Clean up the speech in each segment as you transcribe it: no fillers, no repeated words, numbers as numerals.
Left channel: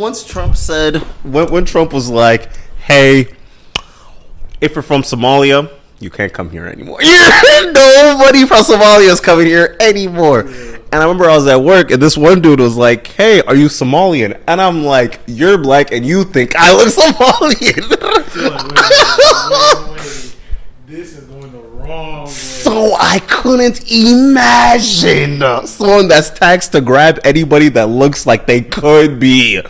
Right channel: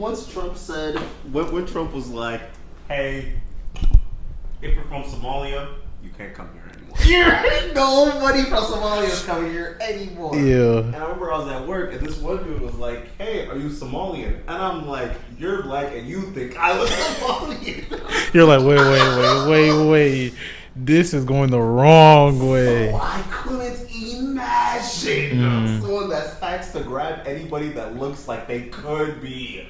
Once Trump said, when Trump was like, hey, if you're from Somalia, you can't come here anymore. Nobody from Somalia is coming here anymore. Yeah. And I remember I was at work and this one dude was like, hey, are you Somalian? And I'm like, you're black and you think I look Somalian. You're like, wait. This is going the wrong way. So I couldn't imagine someone that's taxed to grab anybody that looks like they could be.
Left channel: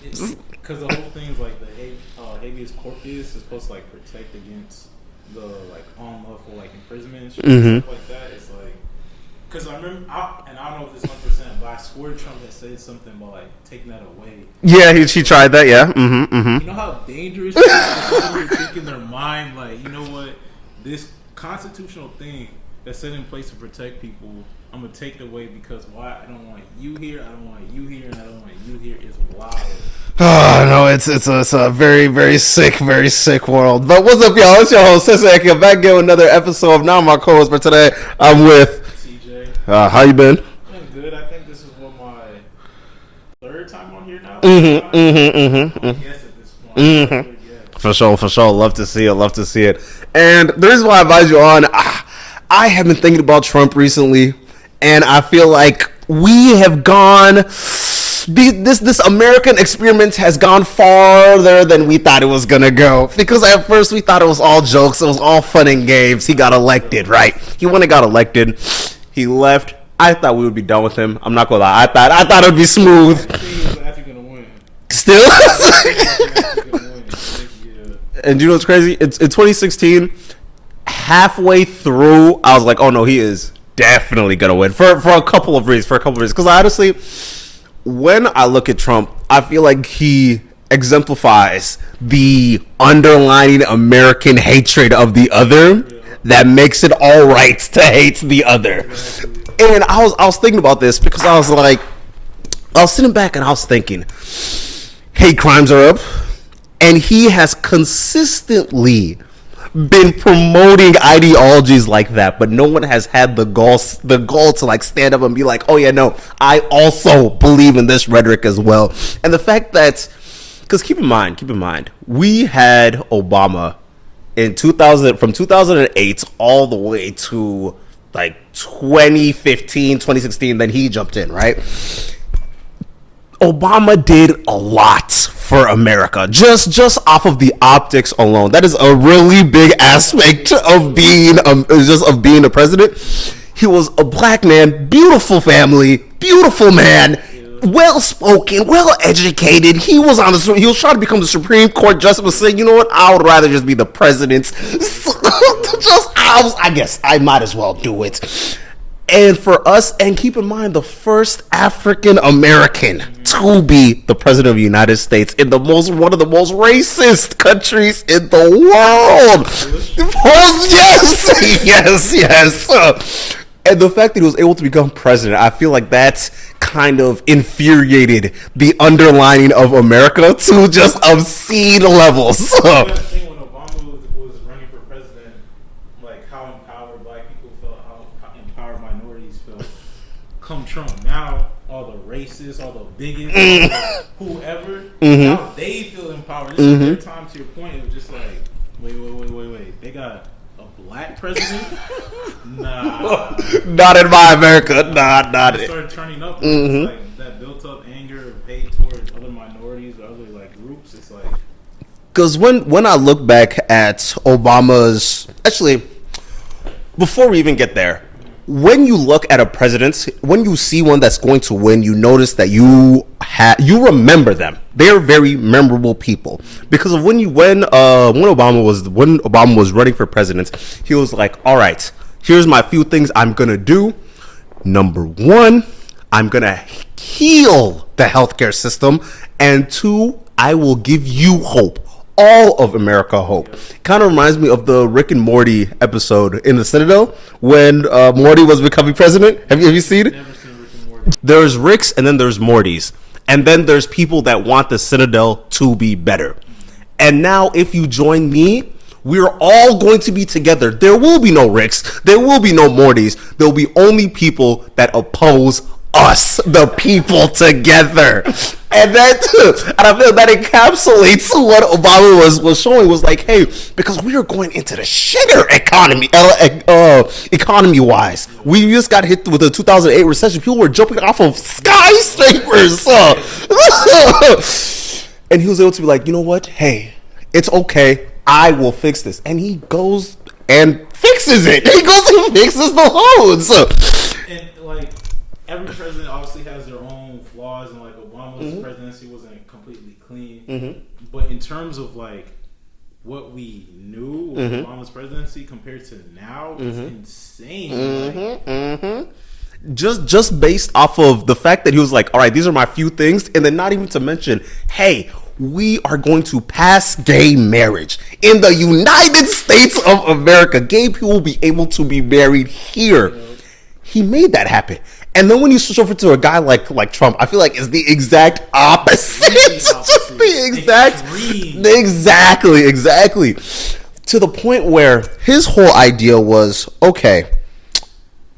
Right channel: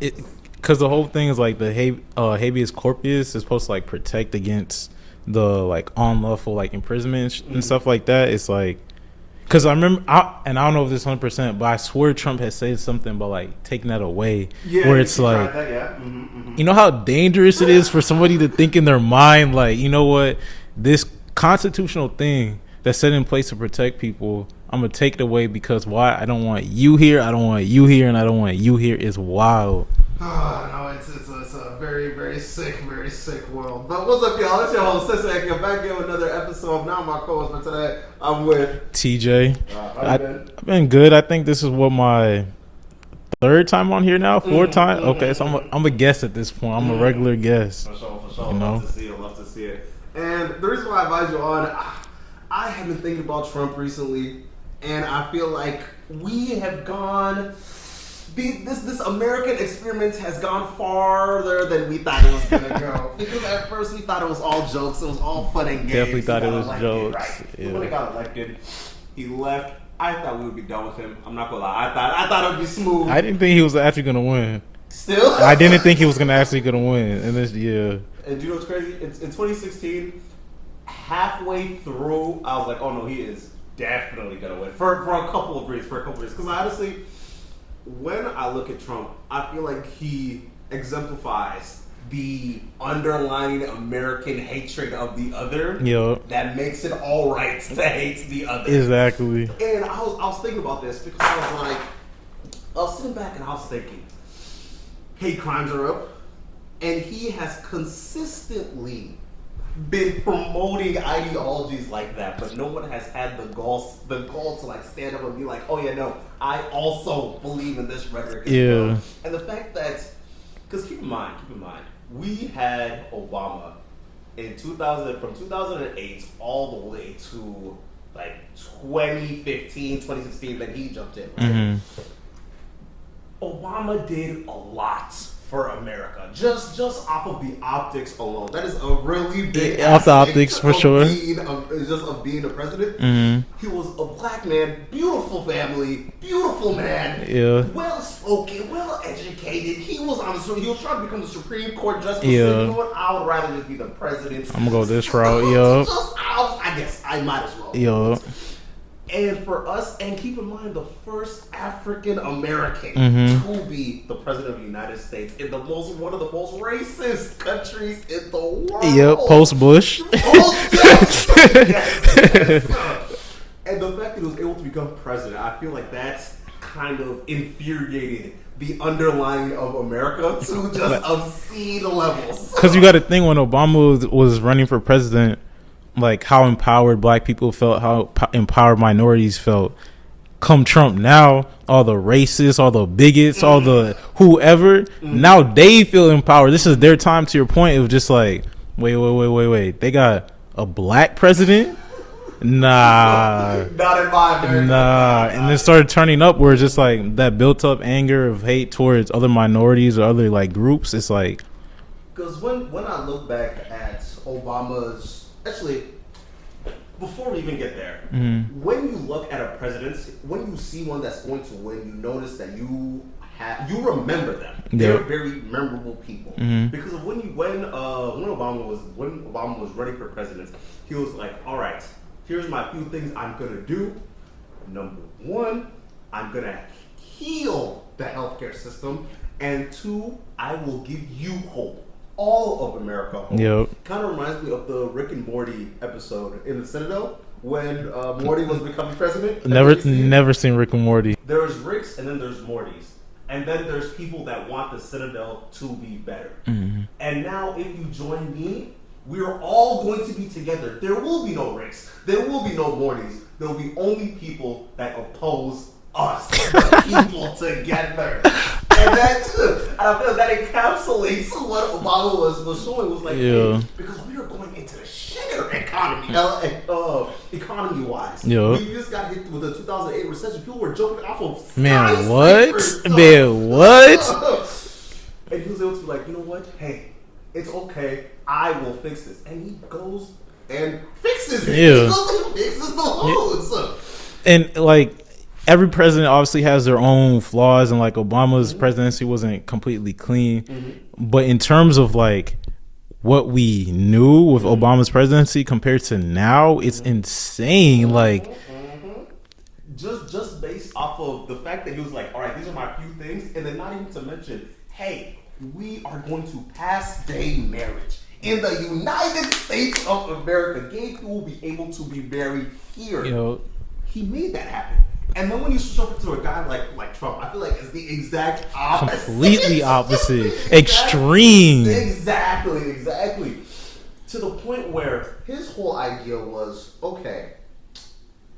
It's because the whole thing is like the habeas corpus is supposed to like protect against the like unlawful like imprisonment and stuff like that. It's like because I remember, and I don't know if this 100%, but I swear Trump had said something about like taking that away. Yeah, he like, tried that. Yeah, You know how dangerous it is for somebody to think in their mind like, you know what, this constitutional thing that's set in place to protect people, I'm gonna take it away because why? I don't want you here. I don't want you here, and I don't want you here. Is wild. Oh no, it's a very very sick world. But what's up, y'all? It's your host Sensei. I'm back again with another episode of Now My Co-host. For today, I'm with TJ. How you been? I've been good. I think this is what my third time on here now. Fourth time. Okay, I'm a guest at this point. I'm a regular guest. For sure. Love to see it. And the reason why I invited you on, I have been thinking about Trump recently. And I feel like we have gone, this American experiment has gone farther than we thought it was going to go. Because at first we thought it was all jokes. It was all fun and games. He got elected, right? He went and got elected. He left. I thought we would be done with him. I'm not going to lie. I thought it would be smooth. I didn't think he was actually going to win. Still? I didn't think he was actually going to win. Yeah. And you know what's crazy? In 2016, halfway through, I was like, oh no, he is definitely gonna win for a couple of reasons. Because honestly, when I look at Trump, I feel like he exemplifies the underlying American hatred of the other that makes it all right to hate the other. Exactly. And I was thinking about this because I was sitting back and I was thinking, hate crimes are up, and he has consistently been promoting ideologies like that, but no one has had the gall to like stand up and be like, oh yeah, no, I also believe in this rhetoric as well. And the fact that, because keep in mind, we had Obama in 2008 all the way to like 2015, 2016, then he jumped in, right? Obama did a lot for America, just off of the optics alone. That is a really big aspect of being a president. He was a black man, beautiful family, beautiful man, well spoken, well educated. He was trying to become the Supreme Court justice, but saying, you know what, I would rather just be the president. I'm gonna go this route, I guess I might as well do it. And for us, and keep in mind, the first African American to be the president of the United States in one of the most racist countries in the world. Post-Bush. Yes. And the fact that he was able to become president, I feel like that's kind of infuriated the underlining of America to just obscene levels. You got to think, when Obama was running for president, like how empowered black people felt, how empowered minorities felt. Come Trump now, all the racists, all the bigots, all the whoever, now they feel empowered. This is their time. To your point, it was just like, wait. They got a black president? Nah. Not in my America. Nah. And it started turning up where it's just like that built up anger of hate towards other minorities or other like groups. It's like, because when I look back at Obama's, actually, before we even get there, when you look at a president, when you see one that's going to win, you notice that you remember them. They're very memorable people because of when Obama was running for president, he was like, all right, here's my few things I'm gonna do. Number one, I'm gonna heal the healthcare system, and two, I will give you hope. All of America hope. Kind of reminds me of the Rick and Morty episode in the Citadel when Morty was becoming president. Have you seen it? Never seen Rick and Morty. There's Ricks and then there's Mortys. And then there's people that want the Citadel to be better. And now if you join me, we're all going to be together. There will be no Ricks. There will be no Mortys. There will be only people that oppose us, the people, together. And I feel that encapsulates what Obama was showing, was like, hey, because we are going into the shitter economy wise. We just got hit with the 2008 recession. People were jumping off of skyscrapers. And he was able to be like, you know what? Hey, it's okay. I will fix this. And he goes and fixes it. He goes and fixes the loans. And like, every president obviously has their own flaws, and like Obama's presidency wasn't completely clean. But in terms of like what we knew with Obama's presidency compared to now, it's insane. Like just based off of the fact that he was like, all right, these are my few things, and then not even to mention, hey, we are going to pass gay marriage in the United States of America. Gay people will be able to be married here. He made that happen. And then when you switch over to a guy like Trump, I feel like it's the exact opposite. Completely opposite. Extreme. Exactly. To the point where his whole idea was, okay,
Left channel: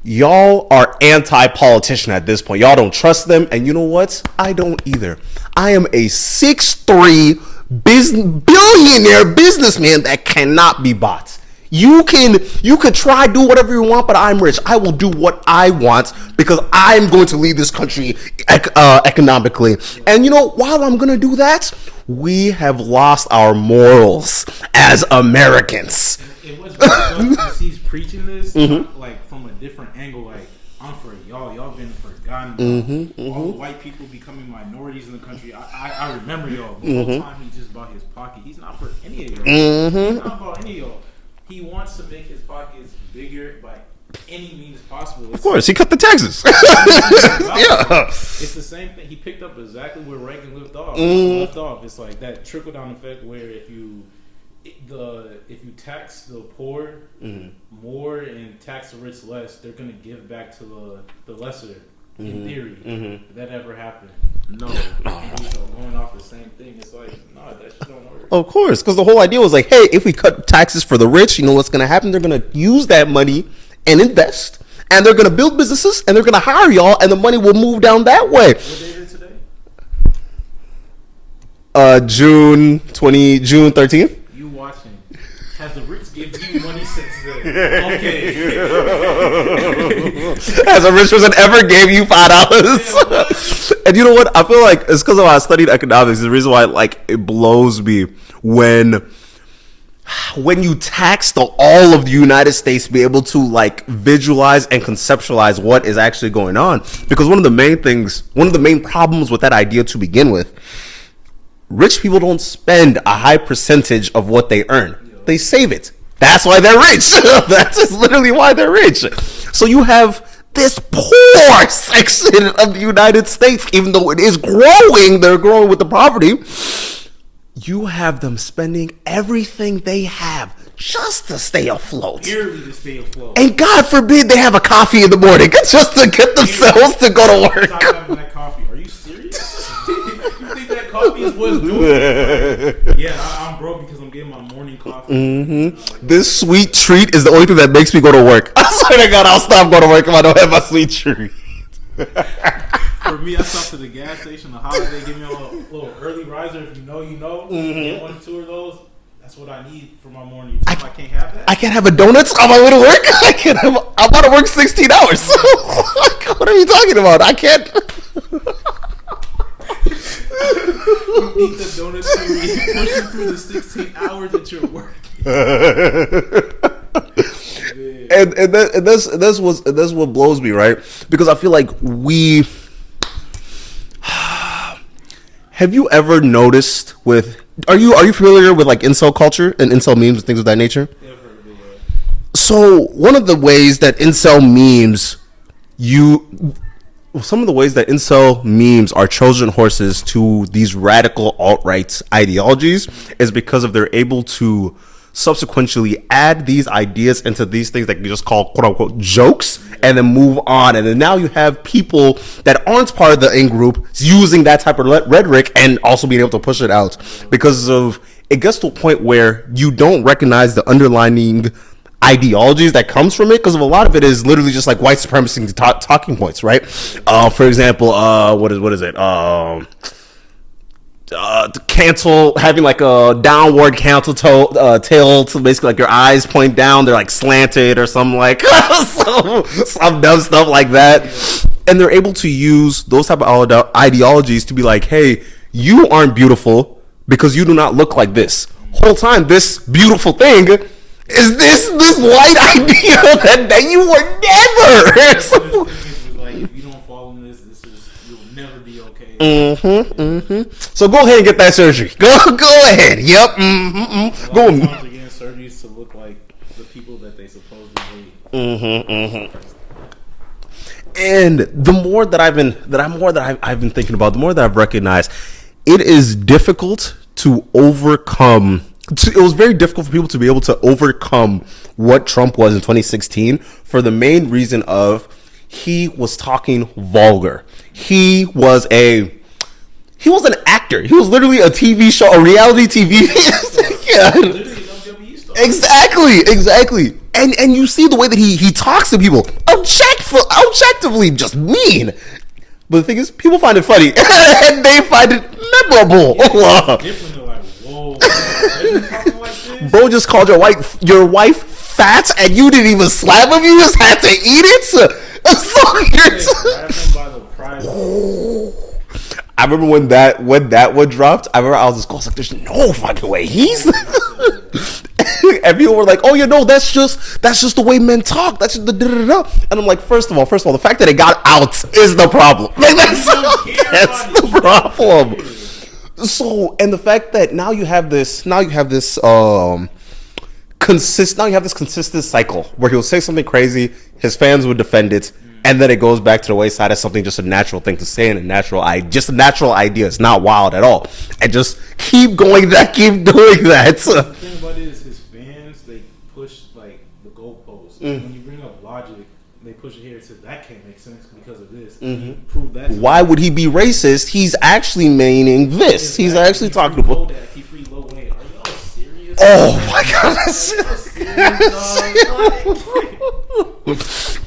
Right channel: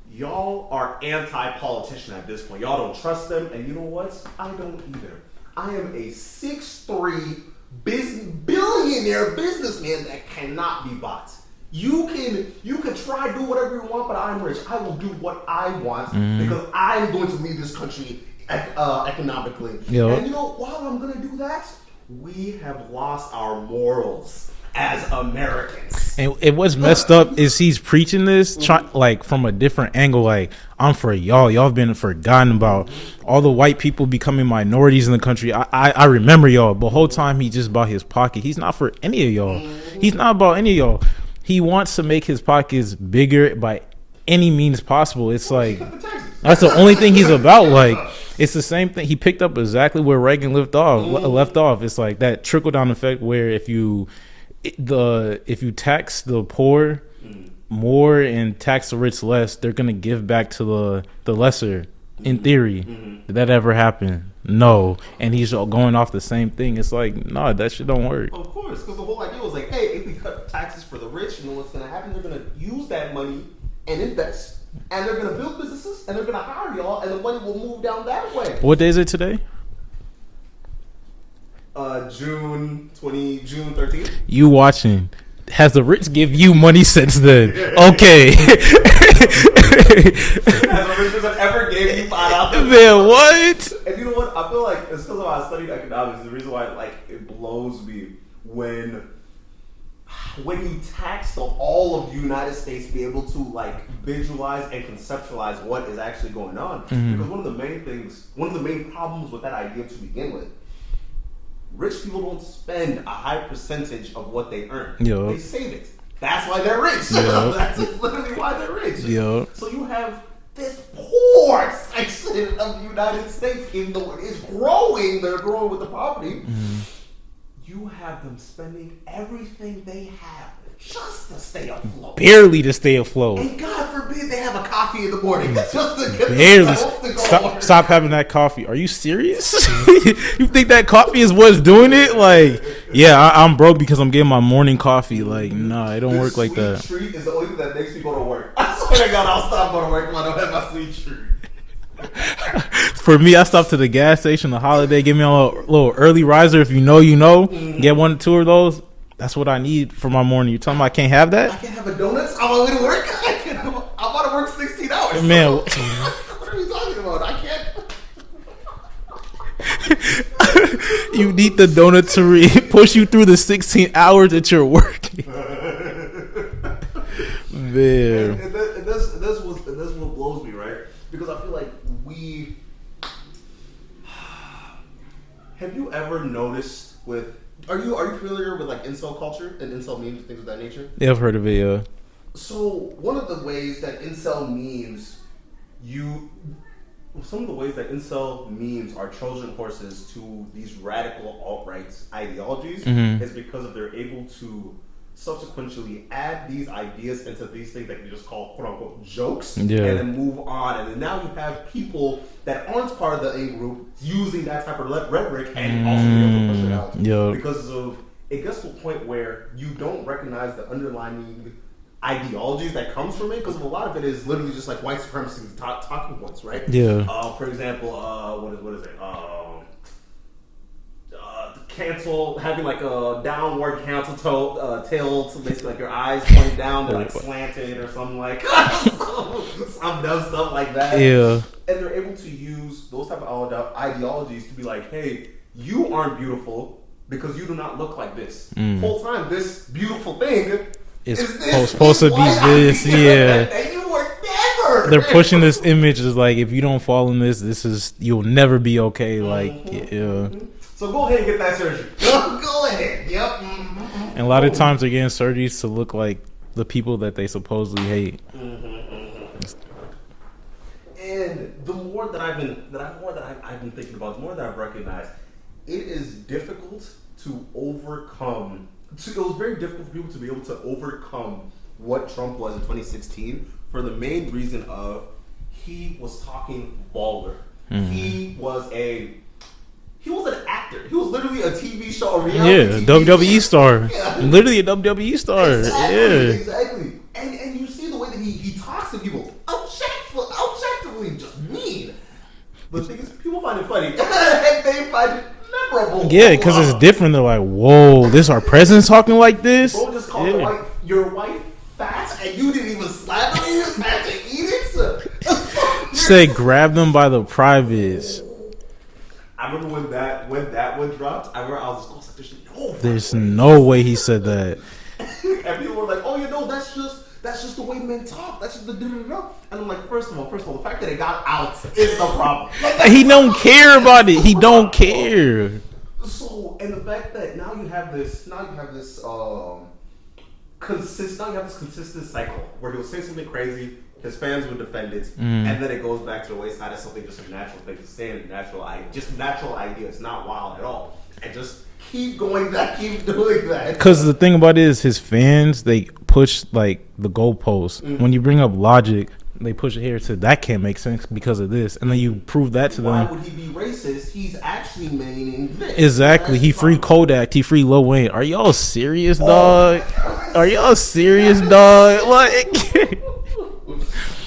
y'all are anti-politician at this point. Y'all don't trust them. And you know what? I don't either. I am a 6'3" billionaire businessman that cannot be bought. You could try do whatever you want, but I'm rich. I will do what I want because I'm going to lead this country economically. And you know, while I'm going to do that, we have lost our morals as Americans. And what's messed up is he's preaching this like from a different angle. Like, I'm for y'all. Y'all have been forgotten about. All the white people becoming minorities in the country. I remember y'all. But the whole time he just about his pocket. He's not for any of y'all. He's not about any of y'all. He wants to make his pockets bigger by any means possible. It's of course, like, he cut the taxes. That's the only thing he's about. Like, it's the same thing. He picked up exactly where Reagan left off. It's like that trickle down effect where if you tax the poor more and tax the rich less, they're gonna give back to the lesser. In theory, did that ever happen? No. And he's going off the same thing. It's like, no, that shit don't work. Of course, because the whole idea was like, hey, if we cut taxes for the rich, you know what's going to happen? They're going to use that money and invest, and they're going to build businesses, and they're going to hire y'all, and the money will move down that way. What day is it today? June 13th. You watching? Has the rich give you money since then? Okay. Has a rich person ever gave you $5? Yeah, what? And you know what? I feel like it's because of how I studied economics. The reason why like it blows me when you tax all of the United States to be able to like visualize and conceptualize what is actually going on. Because one of the main problems with that idea to begin with, rich people don't spend a high percentage of what they earn. They save it. That's why they're rich. That's just literally why they're rich. So you have this poor section of the United States, even though it is growing, they're growing with the poverty. You have them spending everything they have just to stay afloat. Barely to stay afloat. And God forbid they have a coffee in the morning just to get themselves to go to work. Stop having that coffee. Are you serious? You think that coffee is what's doing it? Like, yeah, I'm broke because I'm getting my morning coffee. Like, nah, it don't this work sweet like that. treat is the only thing that makes me go to work. I swear to God, I'll stop going to work if I don't have my sweet treat. For me, I stopped to the gas station, the holiday, give me a little early riser. If you know, you know. Get 1 or 2 of those. That's what I need for my morning. You tell me I can't have that? I can't have a donut on my way to work? I'm about to work 16 hours. So what are you talking about? I can't. You need the donut to push you through the 16 hours that you're working. Man. And that's what blows me, right? Because I feel like have you ever noticed are you familiar with like incel culture and incel memes and things of that nature? Yeah, I've heard of it, yeah. So one of the ways that incel memes are Trojan horses to these radical alt-right ideologies is because of they're able to subsequently add these ideas into these things that you just call quote unquote jokes and then move on. And then now you have people that aren't part of the in-group using that type of rhetoric and also being able to push it out because of it gets to a point where you don't recognize the underlying ideologies that comes from it, because a lot of it is literally just like white supremacy talking points, right? Yeah. For example, what is it? To cancel, having like a downward tail to basically like your eyes point down, they're like slanted or something like some dumb stuff like that. Yeah. And they're able to use those type of ideologies to be like, hey, you aren't beautiful because you do not look like this. Whole time, this beautiful thing is this white idea that you were never. They're pushing this image is like, if you don't fall in this is, you'll never be okay. Like, So go ahead and get that surgery. Go ahead. Yep. And a lot of times they're getting surgeries to look like the people that they supposedly hate. And the more that I've been thinking about, the more that I've recognized, it is difficult to overcome. It was very difficult for people to be able to overcome what Trump was in 2016 for the main reason of he was talking vulgar. He was an actor. He was literally a TV show, a reality TV WWE star. Literally a WWE star. Exactly. And you see the way that he talks to people, objectively just mean. But the thing is, people find it funny and they find it memorable. Yeah, because it's different. They're like, whoa, this our president talking like this? Bro just called your wife fat and you didn't even slap him. You just had to eat it. They grabbed him by the privates. I remember when that one dropped. I remember I was just going like, "There's no fucking way." No way he said that. And people were like, "Oh, that's just the way men talk. That's just the da-da-da-da." And I'm like, first of all, the fact that it got out is the problem. Like he don't care about it. He don't care. So, and the fact that now you have this consistent cycle where he'll say something crazy, his fans would defend it, and then it goes back to the wayside as something just a natural thing to say and just a natural idea. It's not wild at all. And just keep doing that. Because the thing about it is his fans, they push like the goalposts. When you bring up logic, they push it here to that can't make sense because of this, and then you prove that to why them. would he be racist? He's actually meaning this. Exactly. He free Kodak. He free Lil Wayne. Are y'all serious, dog? Oh my God. Are y'all serious, dog? Like,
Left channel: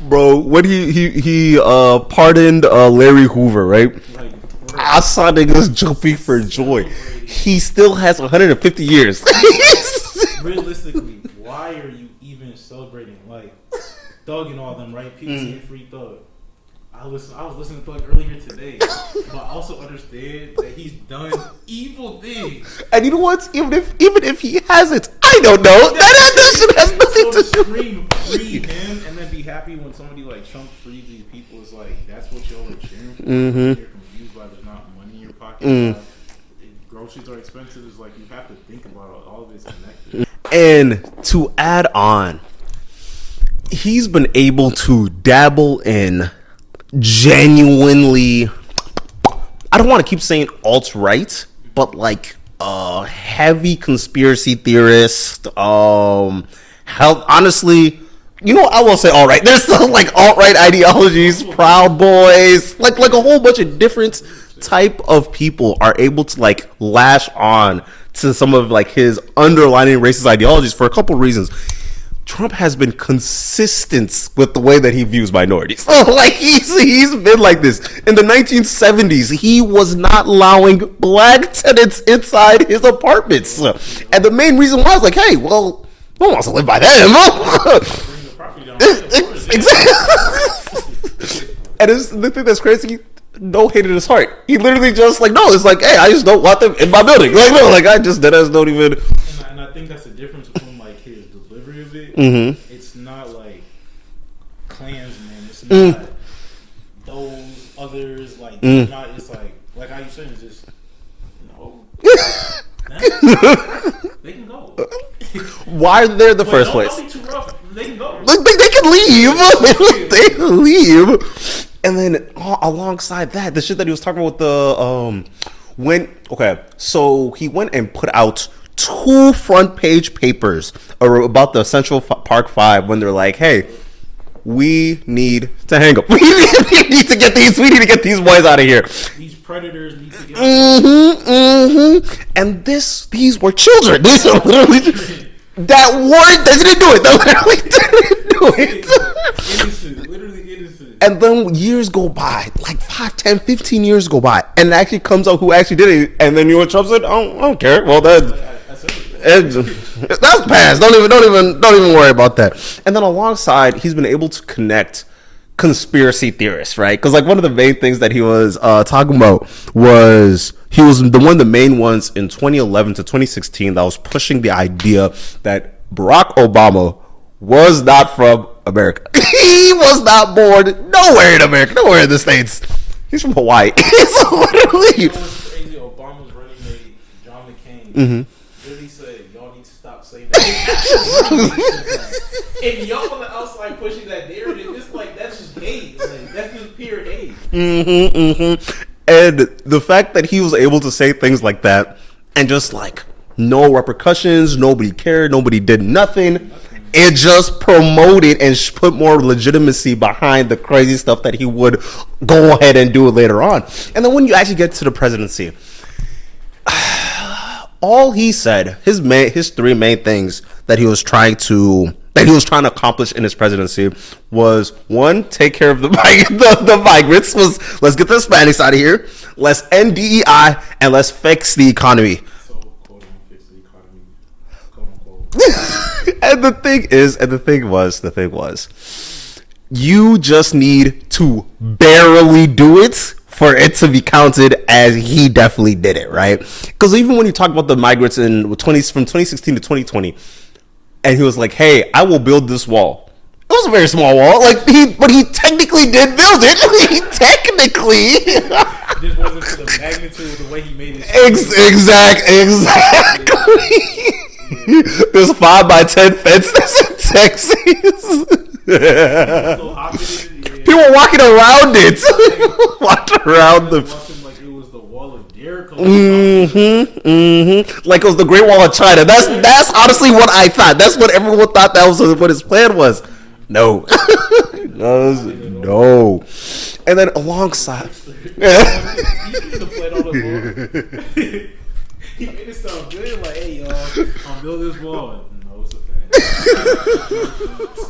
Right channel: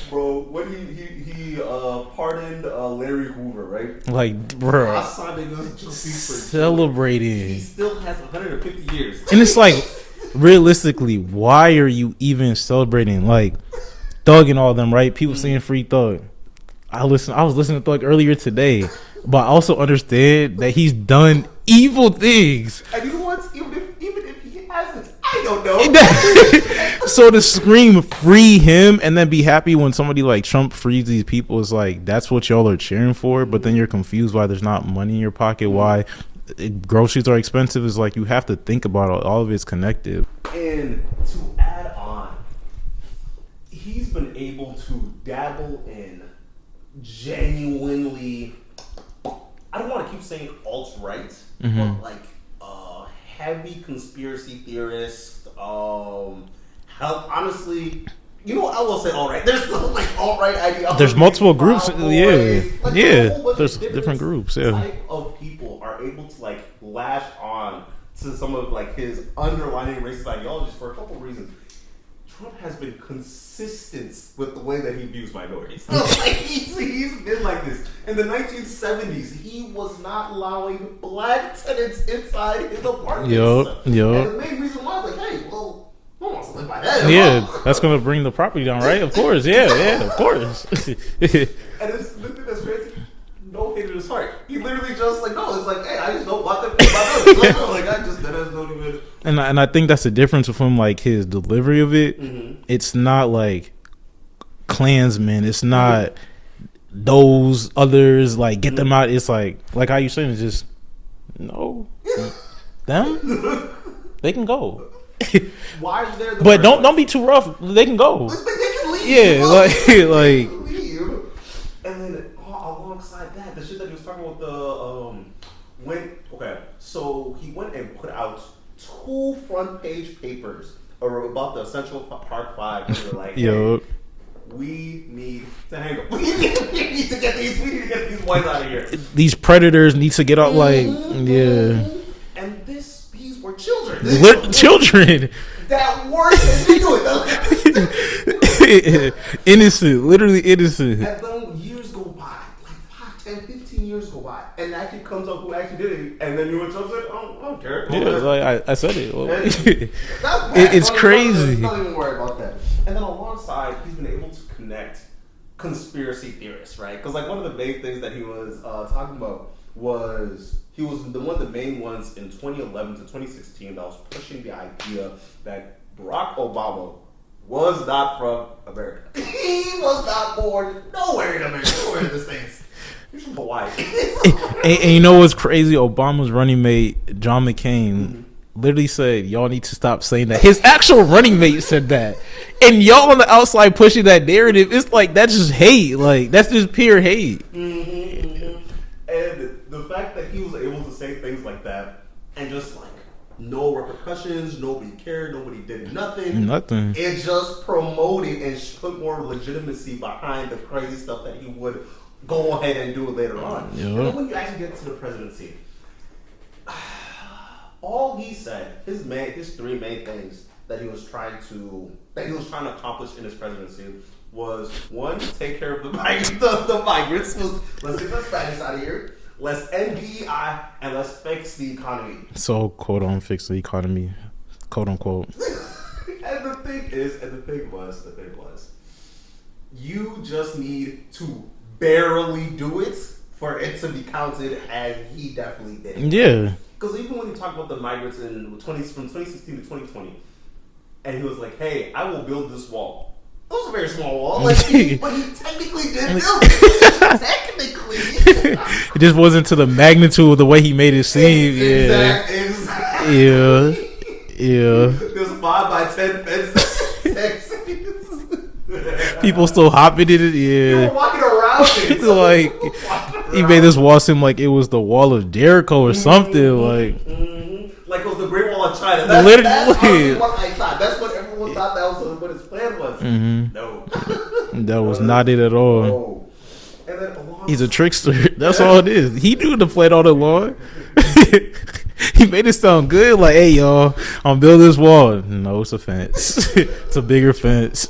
bro, when he pardoned Larry Hoover, right? Like, bro, I saw niggas jumping for joy. Celebrating. He still has 150 years. He's like, realistically, why are you even celebrating? Like, Thug and all them, right? People saying free Thug. I was listening to Thug earlier today, but I also understand that he's done evil things. And you know what? Even if he hasn't, I don't know. So to scream free him and then be happy when somebody like Trump frees these people is like, that's what y'all are cheering for, but then you're confused why there's not money in your pocket, why groceries are expensive. Is like, you have to think about it. All of it's connected. And to add on, he's been able to dabble in genuinely, I don't want to keep saying alt-right, but like heavy conspiracy theorist. Honestly, you know, I will say alt-right. There's still like alt-right ideologies, Proud Boys, like a whole bunch of different groups, type of people are able to like lash on to some of like his underlying racist ideologies for a couple reasons. Trump has been consistent with the way that he views minorities. Like he's been like this. In the 1970s, he was not allowing black tenants inside his apartments. And the main reason why I was like, hey, well, no one wants to live by them. That's going to bring the property down, right? Of course, of course. And the thing that's crazy, no hate in his heart. He literally just like, no, it's like, hey, I just don't want them in my building. Like I just don't even. And I think that's the difference from like his delivery of it. It's not like Klansmen. It's not those others. Like get them out. It's like how you saying? It's just no. Them? They can go. Why are they the first place? Don't be too rough. They can go. They can leave. They can leave. And then alongside that, the shit that he was talking about so he went and put out 2 front page papers about the Central Park 5 when they're like, hey, we need to hang up. We need to get these boys out of here. These predators need to get out. And these were children. These are children that didn't do it. That literally didn't do it. Innocent, literally innocent. And then years go by, like 5, 10, 15 years go by, and it actually comes out who actually did it. And then Trump said, I don't care. Well, I said it. That's past. Don't even worry about that. And then alongside, he's been able to connect conspiracy theorists, right? Because like one of the main things that he was talking about was he was one of the main ones in 2011 to 2016 that was pushing the idea that Barack Obama was not from America. He was not born nowhere in America, nowhere in the States. He's from Hawaii. And you know what's crazy? Obama's running mate, John McCain, literally said, y'all need to stop saying that. His actual running mate said that. And y'all on the outside pushing that narrative, it's like, that's just hate. Like, that's just pure hate. And the fact that he was able to say things like that and just like no repercussions, nobody cared, nobody did nothing. It just promoted and put more legitimacy behind the crazy stuff that he would go ahead and do later on. Yeah. And then when you actually get to the presidency, all he said, his 3 main things that he was trying to accomplish in his presidency was, 1, take care of the migrants. Let's get the Hispanics out of here. Let's end DEI and let's fix the economy. So, quote on fix the economy, quote unquote. And the thing was, you just need to barely do it for it to be counted as he definitely did it, right? Because even when you talk about the migrants from 2016 to 2020, and he was like, "Hey, I will build this wall." It was a very small wall, but he technically did build it. It just wasn't to the magnitude of the way he made it seem. Exactly. Yeah. There's a 5x10 fence that's in Texas. People still hopping in it. Yeah. People walking around it. Walking around. They just watched him like it was the Wall of Jericho or something. Like it was the Great Wall of China. That's honestly what I thought. That's what everyone thought that was what his plan was. No. That was not it at all. No. And then alongside, he's a trickster. That's all it is. He knew the plan all along. He made it sound good. Like, hey, y'all, I'm building this wall. No, it's a fence. It's a bigger fence.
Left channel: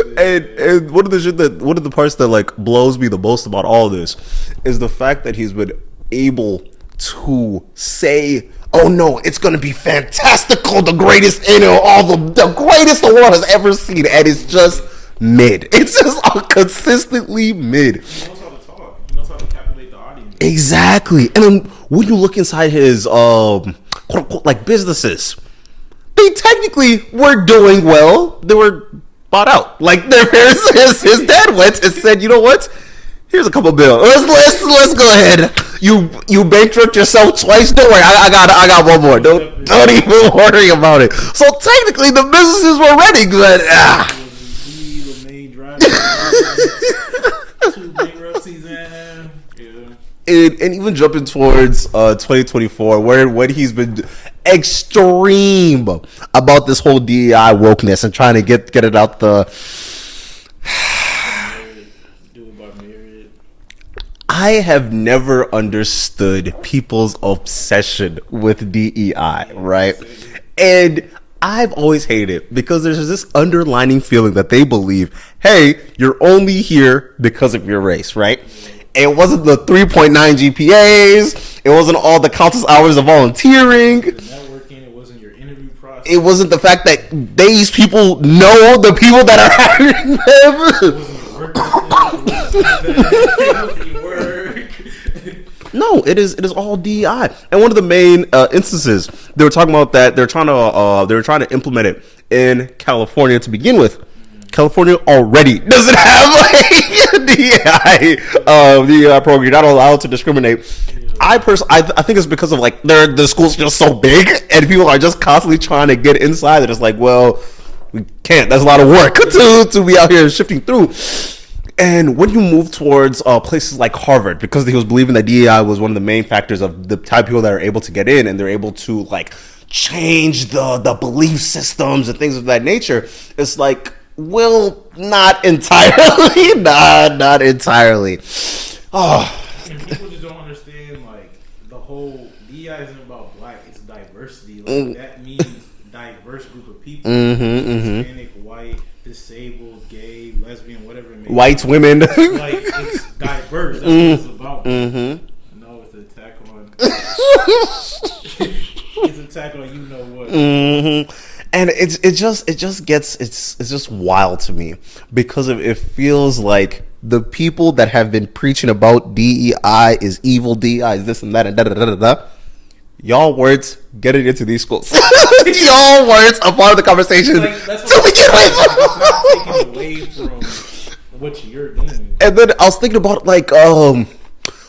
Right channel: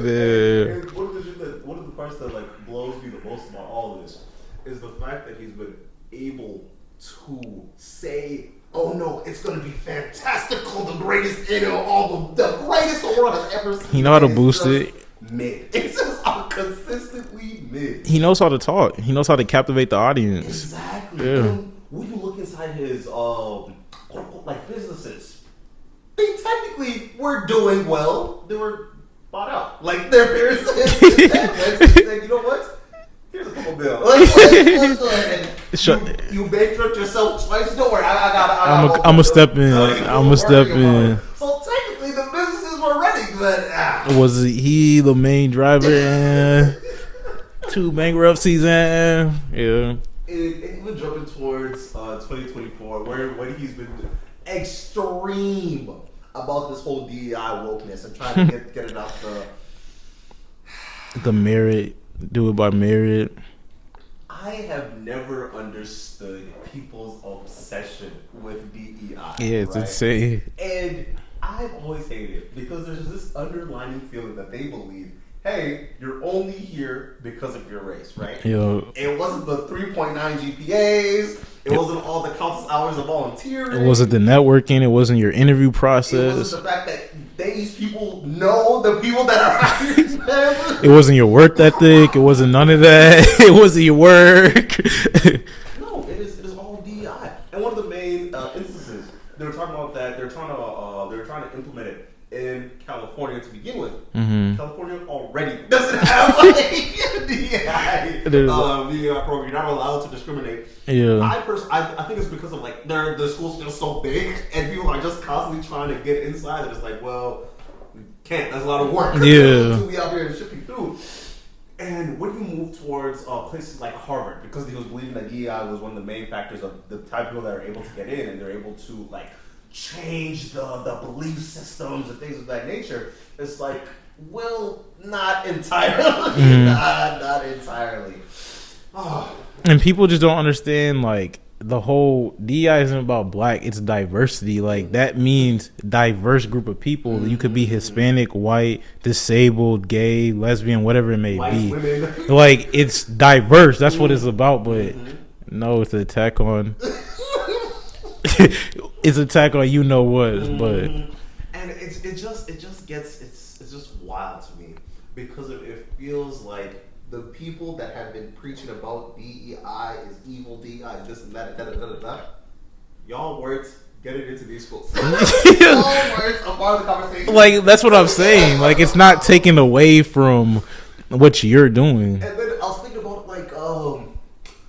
and one of the parts that like blows me the most about all this is the fact that he's been able to say, "Oh no, it's gonna be fantastical, the greatest the greatest the world has ever seen," and it's just mid. It's just consistently mid. He knows how to talk. He knows how to captivate the audience. Exactly. Yeah. And then when you look inside his quote unquote like businesses, they technically were doing well. They were bought out. Like their parents, his dad went and said, "You know what? Here's a couple bills. Let's go ahead. You bankrupt yourself twice. Don't worry. I got one more. Don't even worry about it." So technically, the businesses were running, but was he the main driver? 2 bankruptcies, yeah. And even jumping towards 2024, when he's been extreme about this whole DEI wokeness and trying to get it out the merit. Do it by merit. I have never understood people's obsession with DEI, right? And I've always hated it because there's this underlining feeling that they believe, hey, you're only here because of your race, right? Yo. It wasn't the 3.9 GPAs. It wasn't all the countless hours of volunteering. It wasn't the networking. It wasn't your interview process. It wasn't the fact that these people know the people that are hiring them. It wasn't your work ethic. It wasn't none of that. It wasn't your work. No, it is all DEI. And one of the main instances they were talking about that they were trying to implement it in California to begin with. California already doesn't have a DEI program. You're not allowed to discriminate. Yeah. I think it's because of like the school's just so big and people are just constantly trying to get inside. They're just like, well, we can't. That's a lot of work to be out here shifting through. And when you move towards places like Harvard, because he was believing that DEI was one of the main factors of the type of people that are able to get in, and they're able to like change the belief systems and things of that nature, it's like, well, not entirely. Not entirely. And people just don't understand, like, the whole DEI isn't about black, it's diversity. Like that means diverse group of people. You could be Hispanic, white, disabled, gay, lesbian, whatever it may Whites, be. women. Like it's diverse. That's what it's about. But no, it's an attack on. It's an attack on you know what. But, and it just gets it's just wild to me because it feels like the people that have been preaching about DEI is evil, DEI is this and that and da da da da da. Y'all words getting into these schools. Y'all words are part of the conversation. Like that's what I'm saying. Like it's not taken away from what you're doing. And then I was thinking about like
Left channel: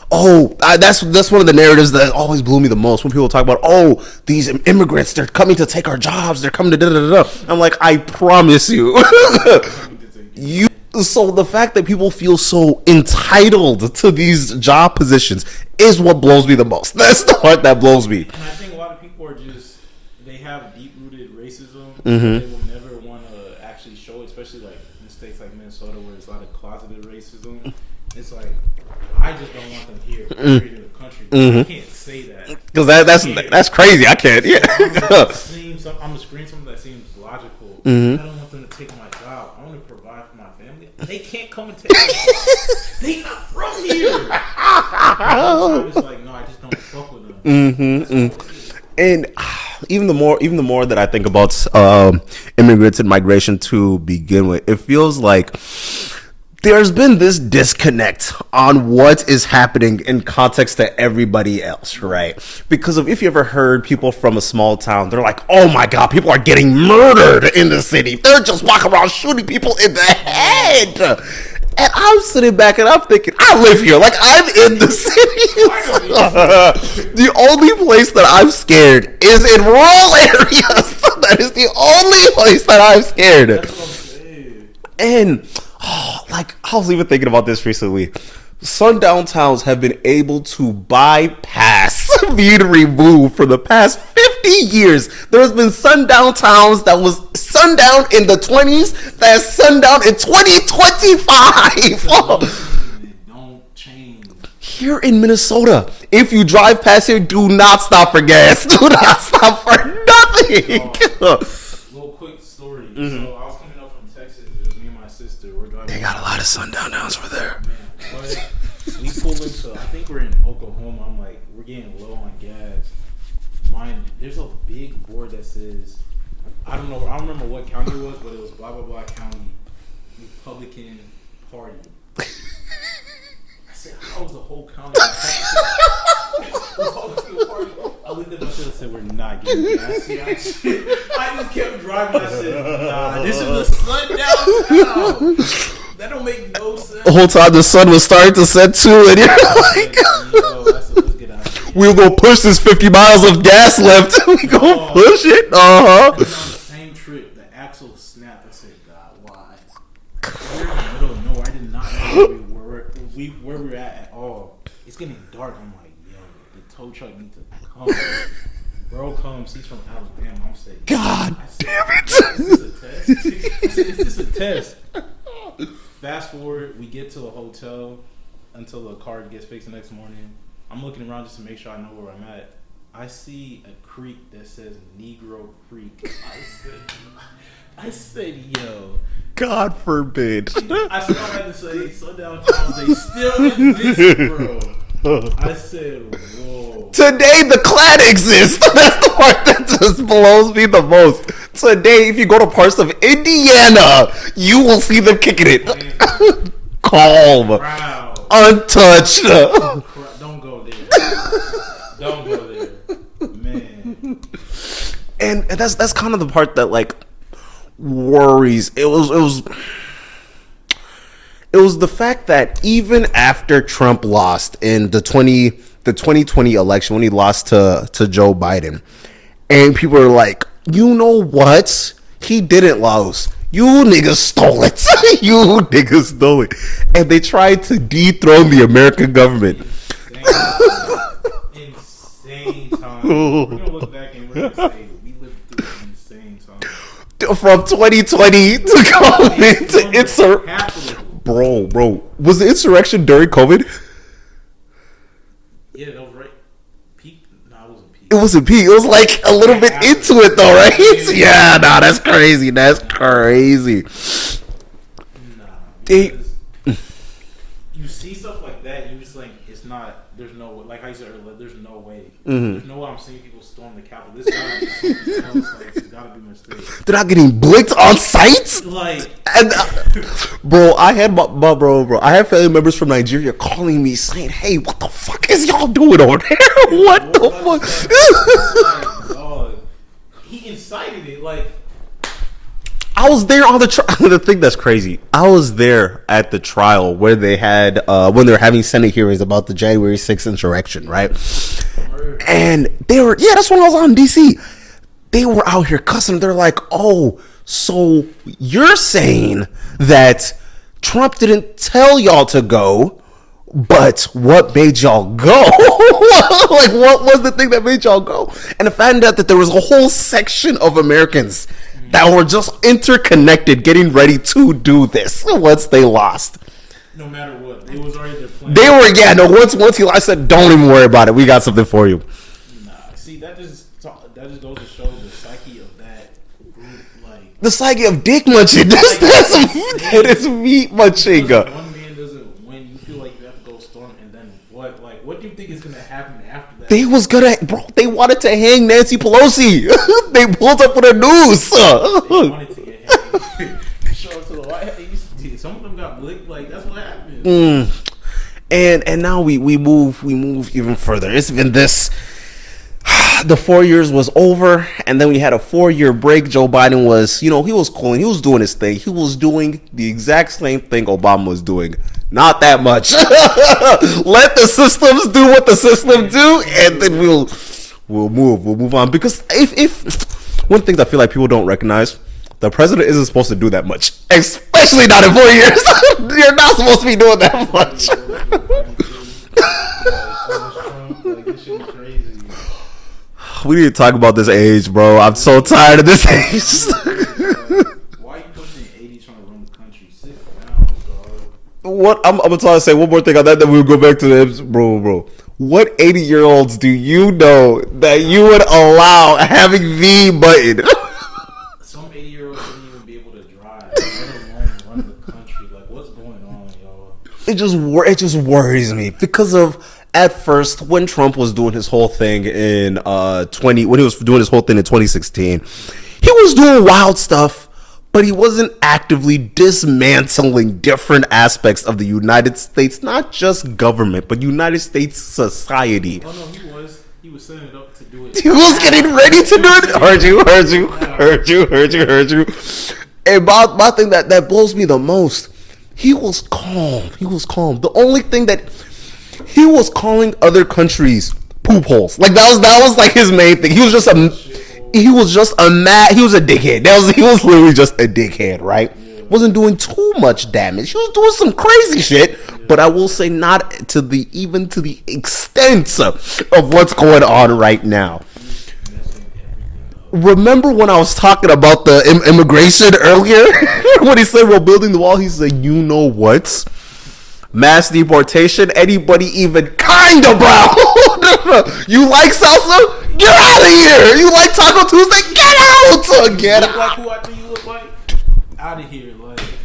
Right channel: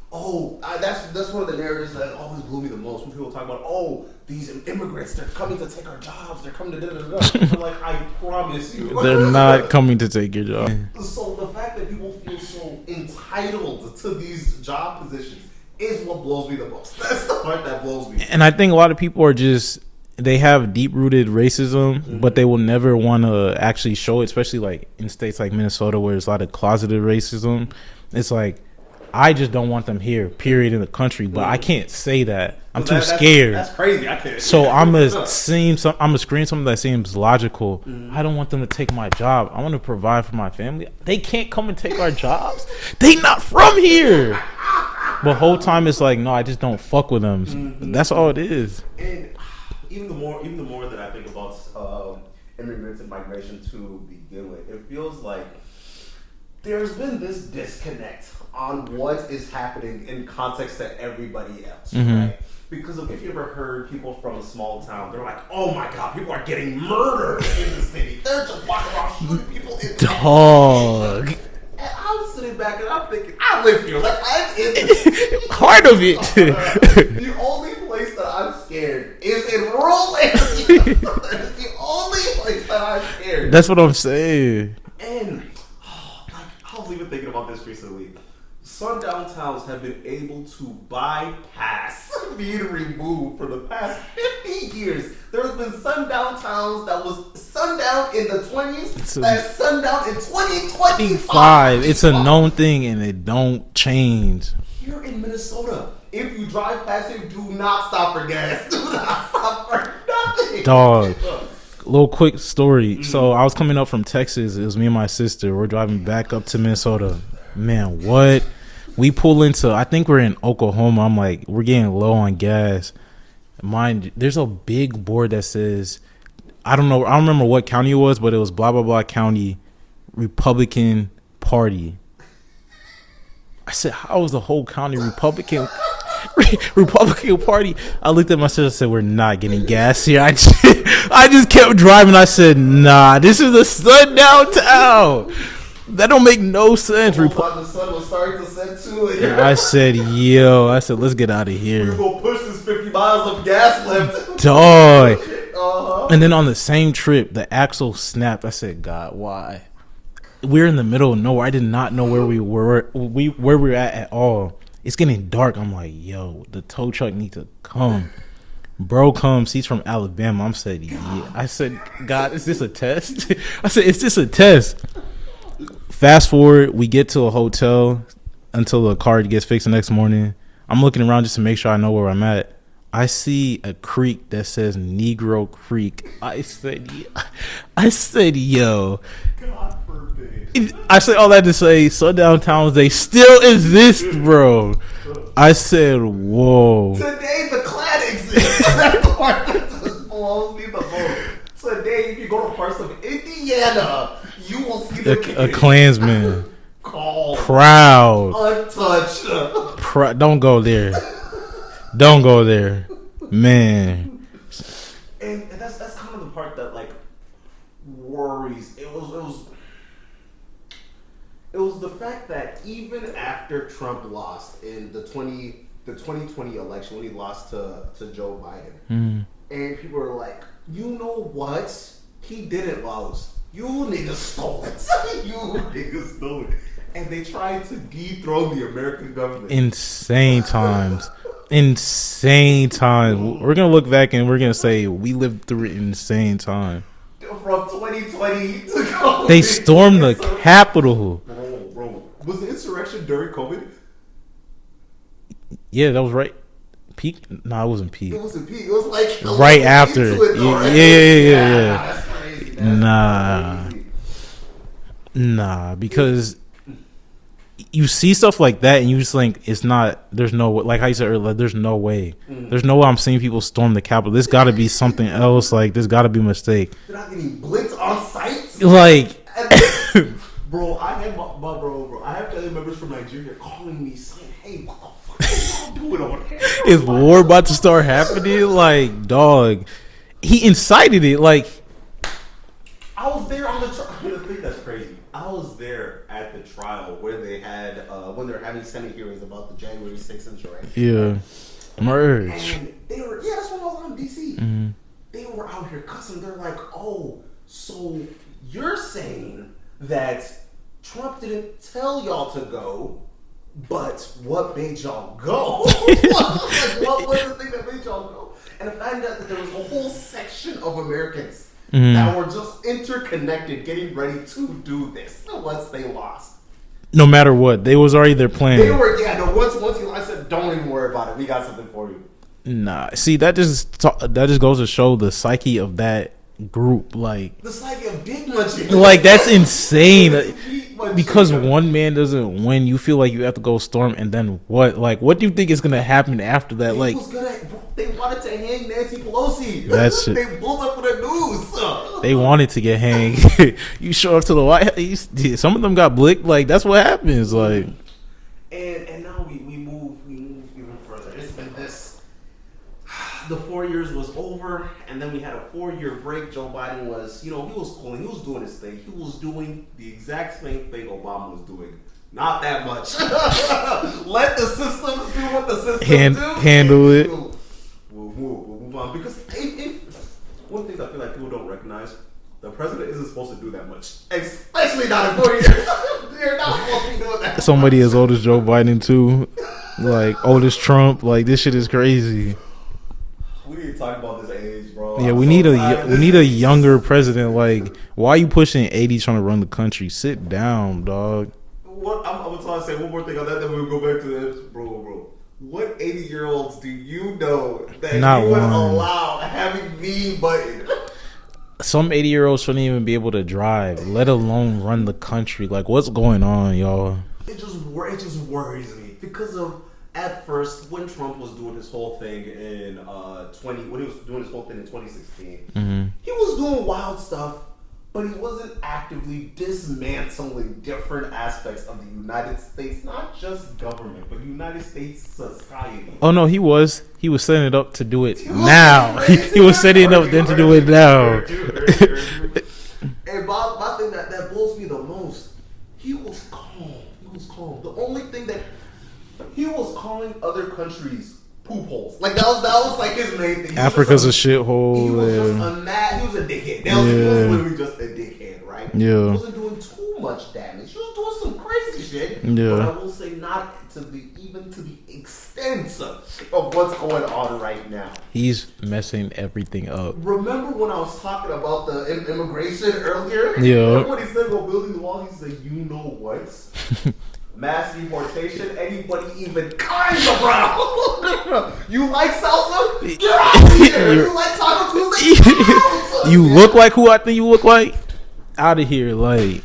that's one of the narratives that always blew me the most when people talk about these immigrants, they're coming to take our jobs, they're coming to da da da. I'm like, I promise you, they're not coming to take your job. So the fact that people feel so entitled to these job positions is what blows me the most. That's the part that blows me. And I think a lot of people are just they have deep rooted racism, but they will never want to actually show it, especially like in states like Minnesota where there's a lot of closeted racism. It's like I just don't want them here, period, in the country. But I can't say that because that's crazy. I can't. So I'm gonna screen something that seems logical. I don't want them to take my job. I want to provide for my family. They can't come and take our job. They not from here. The whole time it's like, no, I just don't fuck with them. That's all it is. And even the more that I think about immigrants and migration to begin with, it feels like there's been this disconnect on what is happening in context to everybody else, right? Because if you ever heard people from a small town, they're like, oh my God, people are getting murdered in the city. They're just walking around shooting people in the head. And I'm sitting back and I'm thinking, I live here. Like, I'm in the city. Part of it. The only place that I'm scared is in rural areas. That is the only place that I'm scared. That's what I'm saying. And like I was even thinking about this recently. Sundown towns have been able to bypass being removed for the past 50 years. There's been sundown towns that was sundown in the 20s that's sundown in 2025. It's a known thing and it don't change. Here in Minnesota, if you drive past here, do not stop for gas. Do not stop for nothing. Dog. Little quick story. So I was coming up from Texas. It was me and my sister. We're driving back up to Minnesota. Man, what? We pull into, I think we're in Oklahoma. I'm like, we're getting low on gas. Mind, there's a big board that says, I don't remember what county it was, but it was blah, blah, blah county, Republican Party. I said, how is the whole county Republican Party? I looked at my sister and said, we're not getting gas here. I just kept driving. I said, nah, this is a sundown town. That don't make no sense. The whole time the sun was starting to set too. And I said, let's get out of here. We'll go push this 50 miles of gas left. Dog. Push it. And then on the same trip, the axle snapped. I said, God, why? We're in the middle of nowhere. I did not know where we were. Where we were at all. It's getting dark. I'm like, yo, the tow truck needs to come. Bro comes. He's from Alabama. I said, God, is this a test? I said, is this a test? Fast forward, we get to a hotel until the car gets fixed the next morning. I'm looking around just to make sure I know where I'm at. I see a creek that says Negro Creek. I said, yo. God forbid. I said all that to say, sundown towns, they still exist, bro. I said, whoa. Today, the Klan exists. That's the part that just blows me the most. Today, if you go to parts of Indiana, you will see them kicking it. Klansmen. Calm. Proud. Untouched. Don't go there. Don't go there, man. And that's kind of the part that like worries. It was the fact that even after Trump lost in the 2020 election, when he lost to Joe Biden, and people are like, you know what? He didn't lose. You niggas stole it. You niggas stole it. And they tried to dethrone the American government. Insane times. Insane time. We're gonna look back and we're gonna say we lived through an insane time. From 2020 to COVID, they stormed the Capitol. Bro, was the insurrection during COVID? Yeah, that was right. peak? No, it wasn't peak. It wasn't peak. It was like a little Right bit after. into it though, right? Yeah. Nah, that's crazy. That's crazy. Nah, because you see stuff like that and you just think it's not. There's no, like how you said earlier, there's no way. There's no way I'm seeing people storm the Capitol. There's got to be something else. Like there's got to be a mistake. They're not getting blicked on site. Like, bro, I had my bro. I had family members from Nigeria calling me saying, "Hey, what the fuck is y'all doing over there? is What war the about to fuck?" start happening? Like, dog, he incited it. Like, I was there on the trial. The thing that's crazy, I was there at the trial where they had when they were having Senate hearings about the January 6th insurrection, right? Murder. And they were, that's when I was on DC. They were out here cussing. They're like, "Oh, so you're saying that Trump didn't tell y'all to go, but what made y'all go?" Like, what was the thing that made y'all go? And I found out that there was a whole section of Americans that were just interconnected, getting ready to do this once they lost. No matter what, they was already their plan. They were, once he, I said, "Don't even worry about it. We got something for you." Nah, see, that just goes to show the psyche of that group. Like The psyche of dick munching. Like, that's insane. It's meat munching. because one man doesn't win, you feel like you have to go storm, and then what? Like, what do you think is gonna happen after that? They like, was gonna, bro. They wanted to hang Nancy Pelosi. That shit. They pulled up with a noose. they wanted to get hanged. You show up to the White House. Some of them got blicked. Like, that's what happens. Like, And now we move even further. It's been this. The 4 years was over, and then we had a 4-year break. Joe Biden was, he was cooling. He was doing his thing. He was doing the exact same thing Obama was doing. Not that much. Let the systems do what the systems do, and then we'll move on. Because if one thing I feel like people don't recognize, the president isn't supposed to do that much, especially not in 4 years. You're not supposed to be doing that. somebody much. as old as Joe Biden too, like old as Trump. Like, this shit is crazy. We need to talk about this age, bro. I'm We so need tired of this we need a age. younger president. Like, why are you pushing 80 trying to run the country? Sit down, dog. What I'm gonna try to say one more thing on that, then we'll go back to the bro. What 80-year-olds do you know that Not you would one. allow having the button? Some 80-year-olds shouldn't even be able to drive, let alone run the country. Like, what's going on, y'all? It just worries me because of, at first, when Trump was doing his whole thing in 2016, he was doing wild stuff, but he wasn't actively dismantling different aspects of the United States, not just government, but United States society. Oh no, he was setting it up to do it. He was now. getting ready to do it. Heard you. And my thing that blows me the most, he was calm. The only thing that he was calling other countries poop holes. Like that was like his main thing. He was Africa's just a shithole. He was just he was a dickhead. He was literally just a dickhead, right? Yeah. Wasn't doing too much damage. He was doing some crazy shit. Yeah. But I will say not to the extent of what's going on right now. He's messing everything up. Remember when I was talking about the immigration earlier? Yeah. When he said we're building the wall, he said, "You know what? Mass deportation, anybody even kind of brown. You like salsa? Get out of here. You like Taco Tuesday? Get out. You look like who I think you look like? Out of here. Like,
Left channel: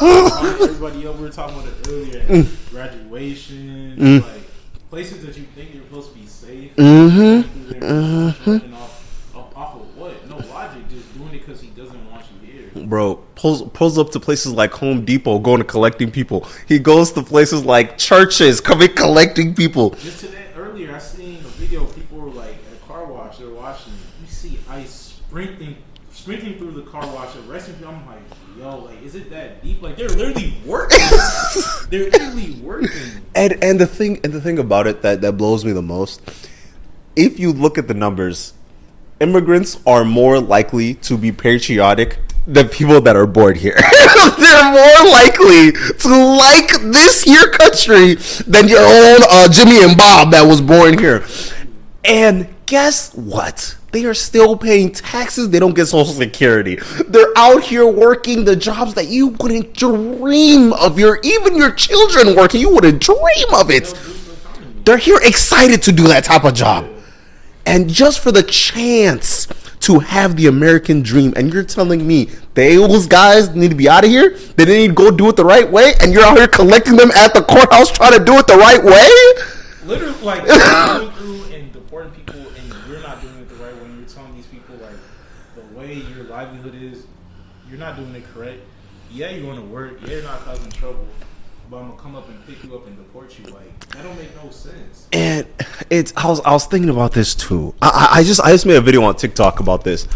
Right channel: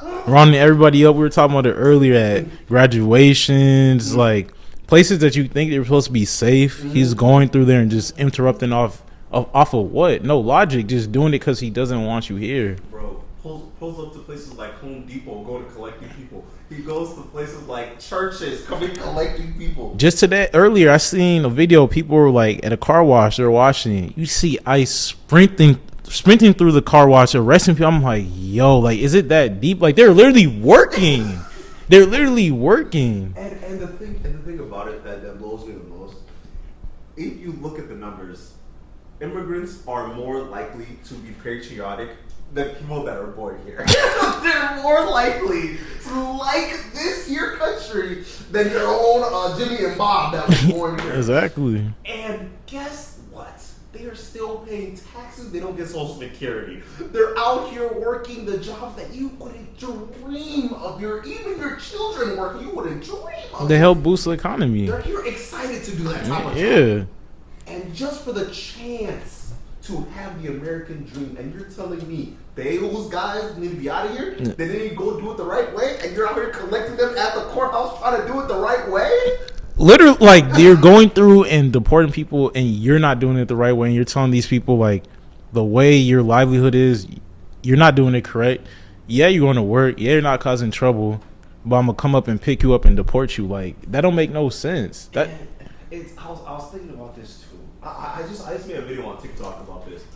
rounding everybody up. We were talking about it earlier at graduations, like places that you think they're supposed to be safe. He's going through there and just interrupting off of what? No logic. Just doing it because he doesn't want you here. Bro, pulls up to places like Home Depot, going to collecting people. He goes to places like churches, collecting people. Just today, earlier, I seen a video. People were like at a car wash. They're washing. You see ICE sprinting through the car wash, arresting people. I'm like, yo, like, is it that deep? Like, they're literally working. They're literally working. And the thing about it that blows me the most, if you look at the numbers, immigrants are more likely to be patriotic the people that are born here. They're more likely to like this here country than your own Jimmy and Bob that was born here. Exactly. And guess what? They are still paying taxes. They don't get Social Security. They're out here working the jobs that you wouldn't dream of. Even your children working, you wouldn't dream of it. They help boost the economy. They're here excited to do that type of job. Yeah. And just for the chance to have the American dream, and you're telling me those guys need to be out of here? They need to go do it the right way? And you're out here collecting them at the courthouse trying to do it the right way? Literally, like, they're going through and deporting people, and you're not doing it the right way. And you're telling these people, like, the way your livelihood is, you're not doing it correct. Yeah, you're going to work. Yeah, you're not causing trouble. But I'm gonna come up and pick you up and deport you. Like, that don't make no sense. And I was thinking about this too. I just made a video on TikTok about this.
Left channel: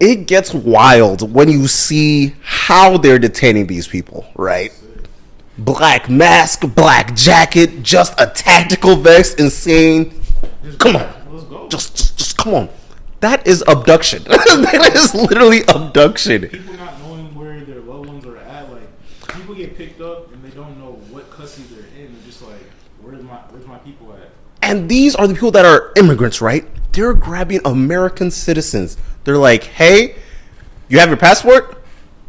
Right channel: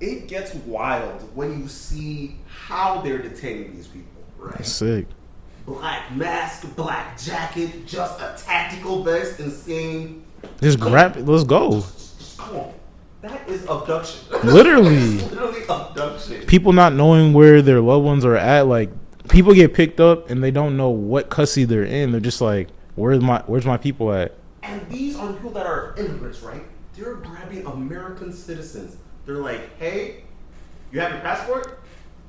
It gets wild when you see how they're detaining these people, right? Sick. Black mask, black jacket, just a tactical vest, insane. Just grab it. Let's go. Just come on. That is abduction. That is literally abduction. People not knowing where their loved ones are at, like, people get picked up and they don't know what custody they're in. They're just like, where's my people at? And these are the people that are immigrants, right? They're grabbing American citizens. They're like, hey, you have your passport?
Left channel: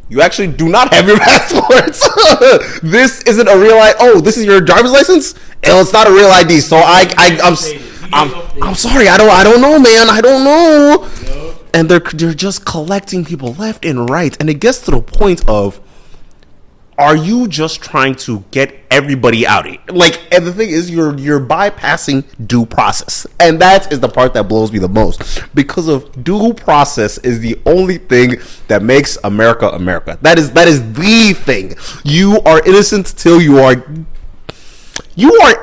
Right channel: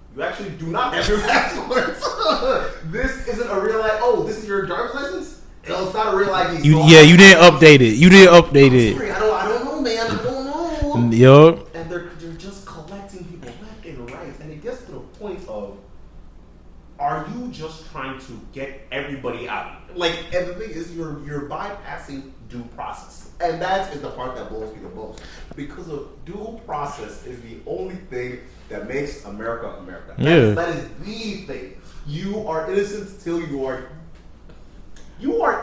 You actually do not have your passports. This isn't a real ID. Oh, this is your driver's license? And it's not a real ID. So you didn't update it. You didn't update it. I'm sorry. I don't know, man. I don't know. Yup. And they're just collecting people left and right. And it gets to the point of, are you just trying to get everybody out of here? Like, and the thing is, you're bypassing due process, and that is the part that blows me the most, because of due process is the only thing that makes America America. That is the thing. You are innocent till you are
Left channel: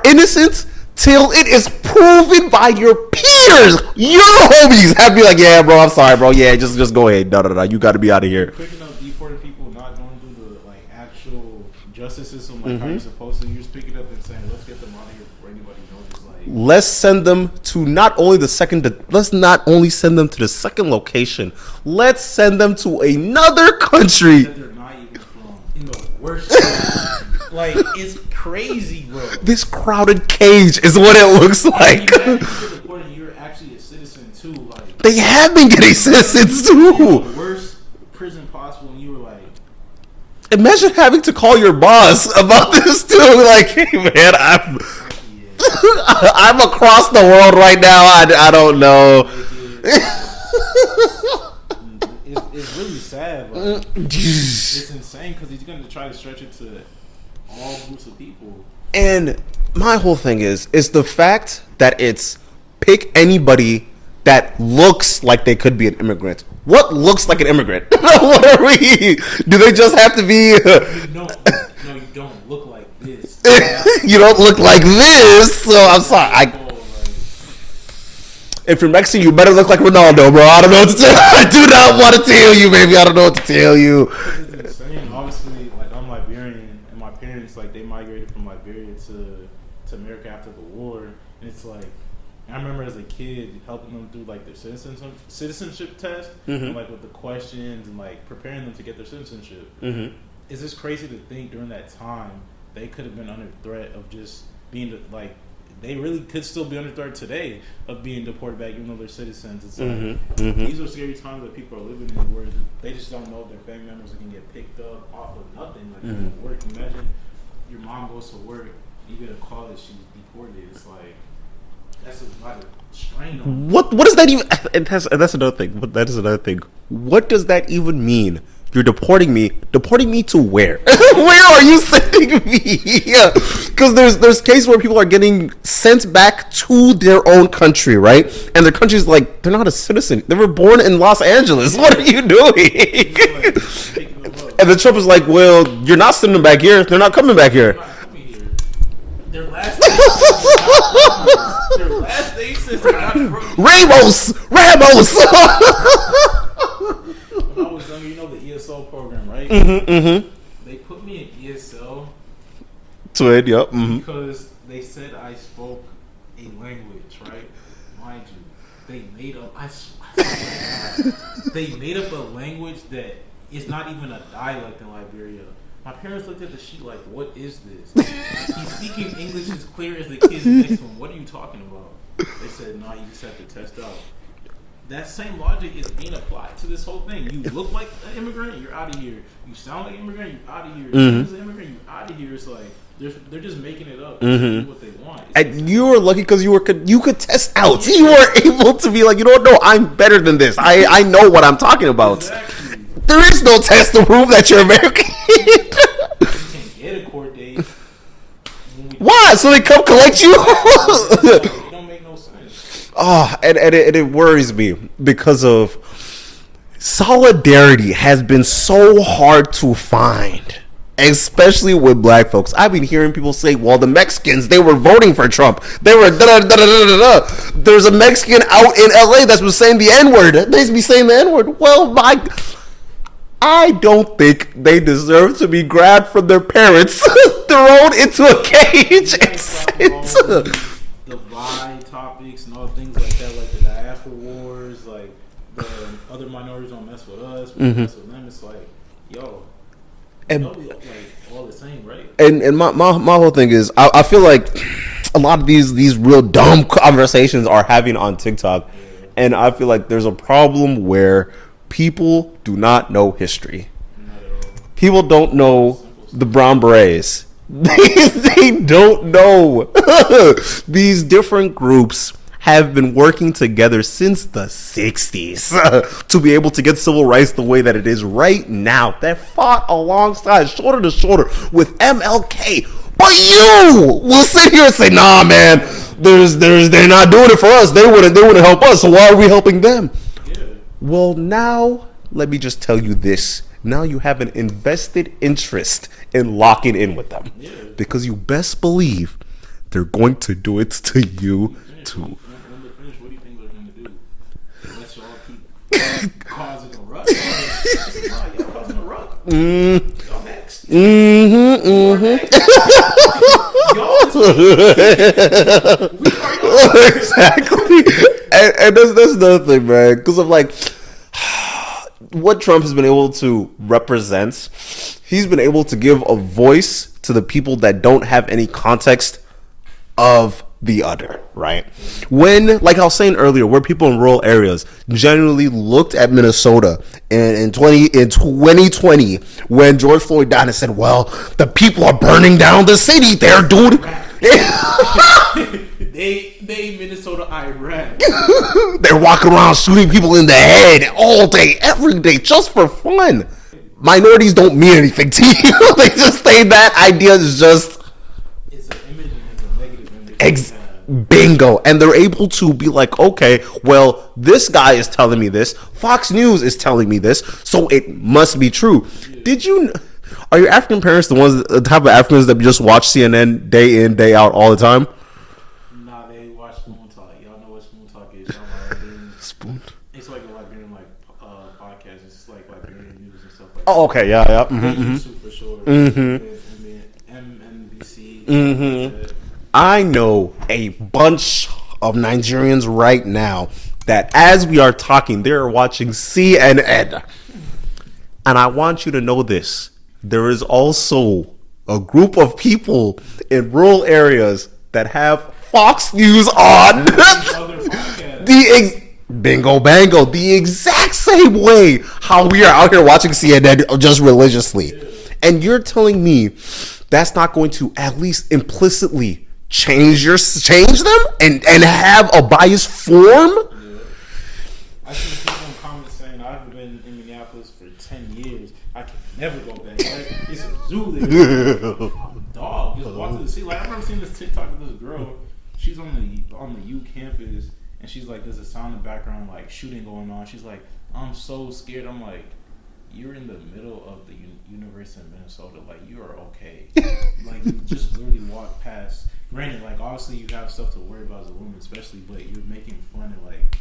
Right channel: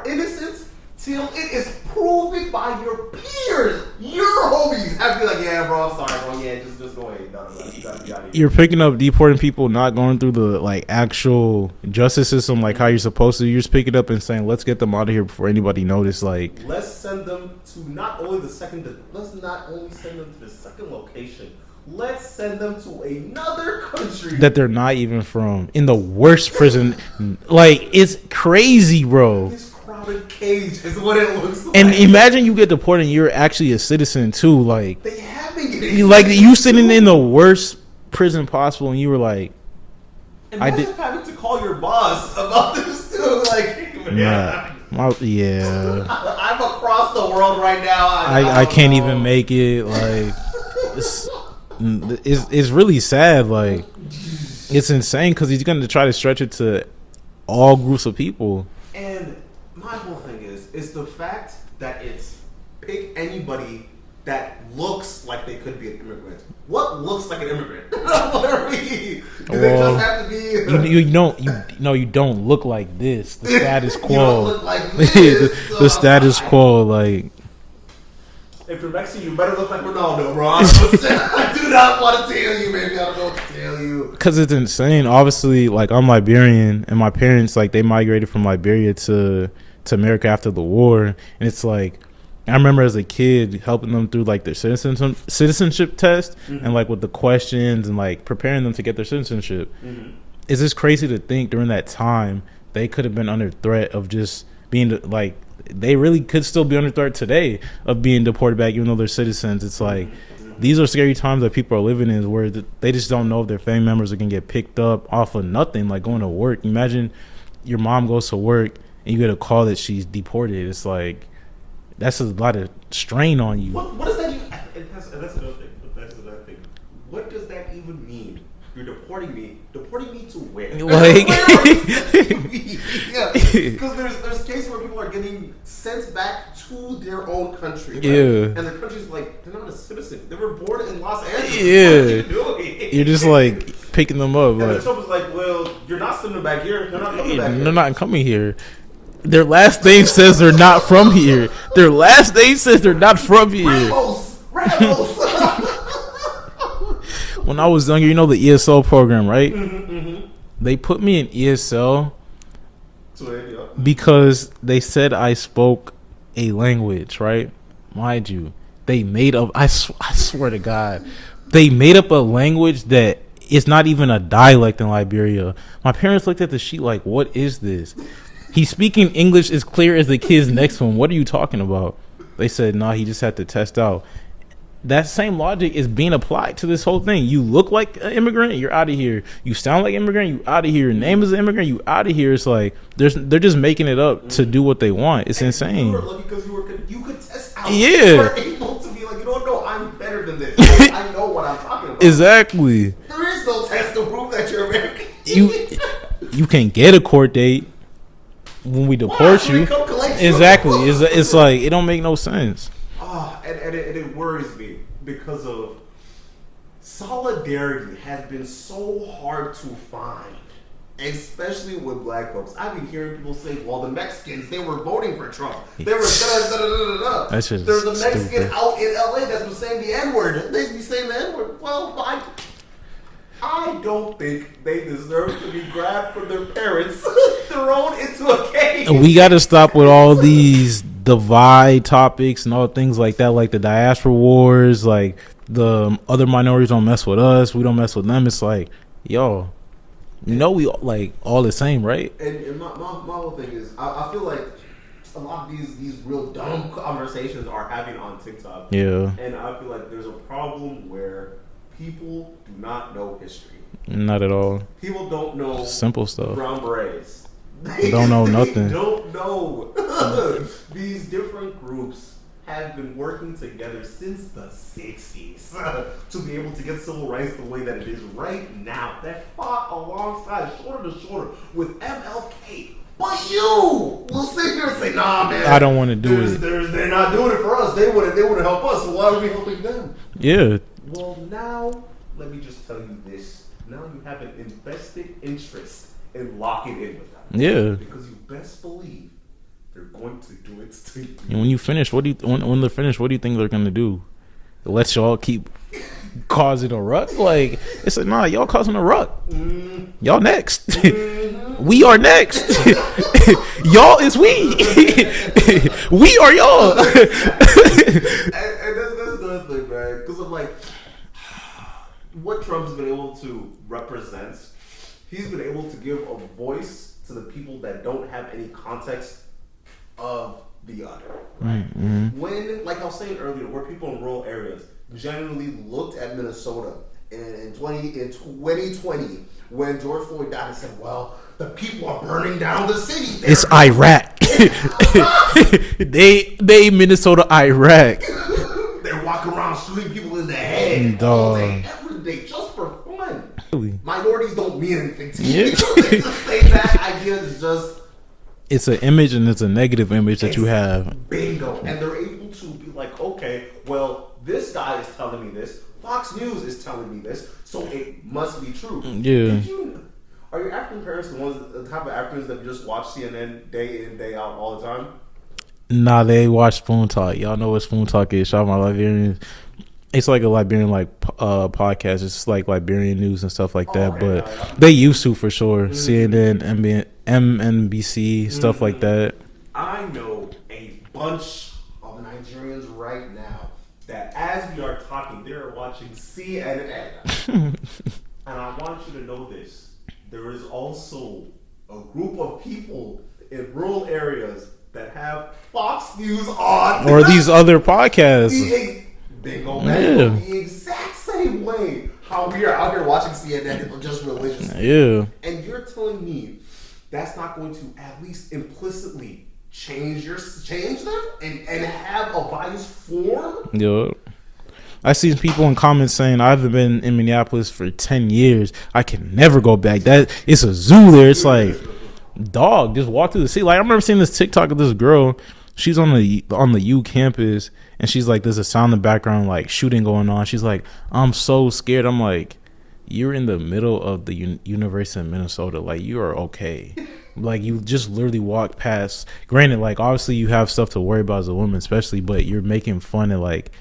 innocent till it is proven by your peers. Your homies have to be like, yeah, bro, I'm sorry, bro. Yeah, just go ahead. No. You got to be out of here. You're picking up deporting people, not going through the, like, actual justice system, like how you're supposed to. You're just picking up and saying, let's get them out of here before anybody notice. Like, let's send them to let's not only send them to the second location. Let's send them to another country that they're not even from, in the worst prison. Like, it's crazy, bro. This crowded cage is what it looks like. And imagine you get deported and you're actually a citizen too. Like, they have been getting like, citizens you sitting too. in the worst prison possible, and you were like, imagine having to call your boss about this too. Like, hey man, I'm across the world right now. I don't know. Even make it. Like, it's really sad. Like, it's insane because he's going to try to stretch it to all groups of people. And my whole thing is the fact that it's pick anybody that looks like they could be an immigrant. What looks like an immigrant? What are we? Do they just have to be? You don't look like this. You don't look like this. So I'm sorry. Like, if you're Mexican, you better look like Ronaldo, bro. I don't know what to tell you. I do not want to tell you, baby. I don't know what to tell you. Because it's insane. Obviously, like, I'm Liberian, and my parents, like, they migrated from Liberia to America after the war. And it's like, I remember as a kid helping them through, like, their citizenship test, and, like, with the questions and, like, preparing them to get their citizenship. It's just crazy to think during that time they could have been under threat of just being, like, they really could still be under threat today of being deported back, even though they're citizens. It's like, these are scary times that people are living in, where they just don't know if their family members are going to get picked up off of nothing, like going to work. Imagine your mom goes to work and you get a call that she's deported. It's like, that's a lot of strain on you. What does that even? That's another thing. That is another thing. What does that even mean? You're deporting me. Deporting me to where? Where are you sending me? Yeah, because there's cases where people are getting sent back to their own country, right? Yeah. And their country's like, they're not a citizen. They were born in Los Angeles. Yeah. What are you doing? You're just like picking them up. And the Trump is like, well, you're not sending them back here. They're not coming back here. They're not coming here. Their last name says they're not from here. Their last name says they're not from here. Ramos. When I was younger, you know the ESL program, right? They put me in ESL because they said I spoke a language, right? Mind you, they made up. I swear to God, they made up a language that it's not even a dialect in Liberia. My parents looked at the sheet like, "What is this?" He's speaking English as clear as the kids next to him. What are you talking about? They said, "Nah, he just had to test out." That same logic is being applied to this whole thing. You look like an immigrant, you're out of here. You sound like an immigrant, you out of here. Name is an immigrant, you out of here. It's like they're just making it up to do what they want. It's insane. You were lucky because you could test out. Yeah. You were able to be like, you don't know, I'm better than this. I know what I'm talking about. Exactly. There is no test to prove that you're American. You can't get a court date when we deport Why? So they come collect you? Exactly. It's like it don't make no sense. Oh, and it worries me because of solidarity has been so hard to find, especially with black folks. I've been hearing people say, well, the Mexicans, they were voting for Trump. They were da-da-da-da-da-da. There's a Mexican out in LA that's been saying the N-word. They be saying the N-word. Well, I don't think they deserve to be grabbed from their parents, thrown into a cage. And we got to stop with all these divide topics and all things like that, like the diaspora wars, like the other minorities don't mess with us, we don't mess with them. It's like, yo, we like all the same, right? And my whole thing is, I feel like a lot of these real dumb conversations are having on TikTok. Yeah. And I feel like there's a problem where people do not know history. Not at all. People don't know Simple stuff. The Brown Berets. They don't know. These different groups have been working together since the 60s to be able to get civil rights the way that it is right now. That fought alongside, shoulder to shoulder, with MLK. But you will sit here and say, "Nah, man, I don't want to do they're not doing it for us. They wouldn't help us. So why are we helping them?" Yeah. Well, now let me just tell you this. Now you have an invested interest in locking in with them. Yeah. Because you best believe they're going to do it to you. When you finish, when they're finished, what do you think they're gonna do? Let y'all keep causing a ruck? Like, it's like, nah, y'all causing a ruck. Y'all next. We are next. Y'all is we. We are y'all. Exactly. And that's another thing, man. Because I'm like, what Trump has been able to represent, he's been able to give a voice to the people that don't have any context of the other, right? When, like I was saying earlier, where people in rural areas generally looked at Minnesota in 2020 when George Floyd died and said, well, the people are burning down the city. They're doing Iraq. they Minnesota, Iraq. They're walking around shooting people in the head all day, every day, just for fun. Minorities don't mean anything to you. They just say that idea is just... It's an image, and it's a negative image that you have. Bingo. And they're able to be like, okay, well, this guy is telling me this. Fox News is telling me this. So it must be true. Yeah. Are your African parents the type of Africans that just watch CNN day in, day out all the time? Nah, they watch Spoon Talk. Y'all know what Spoon Talk is. Shout out my Liberians. It's like a Liberian podcast. It's like Liberian news and stuff like that. Okay, yeah. They used to, for sure. CNN, MNBC, stuff like that. I know a bunch of Nigerians right now that as we are talking, they're watching CNN. And I want you to know this. There is also a group of people in rural areas that have Fox News on. Or these other podcasts. Bingo bango, the exact same way how we are out here watching CNN just religiously. Yeah. And you're telling me that's not going to at least implicitly change them and have a bias form? Yeah. I see people in comments saying, I haven't been in Minneapolis for 10 years. I can never go back. It's a zoo there. It's like, dog, just walk through the city. Like, I remember seeing this TikTok of this girl. She's on the U campus. And she's like, there's a sound in the background, like shooting going on. She's like, I'm so scared. I'm like, you're in the middle of the University of Minnesota. Like, you are okay. Like, you just literally walk past. Granted, like, obviously you have stuff to worry about as a woman, especially, but you're making fun of, like,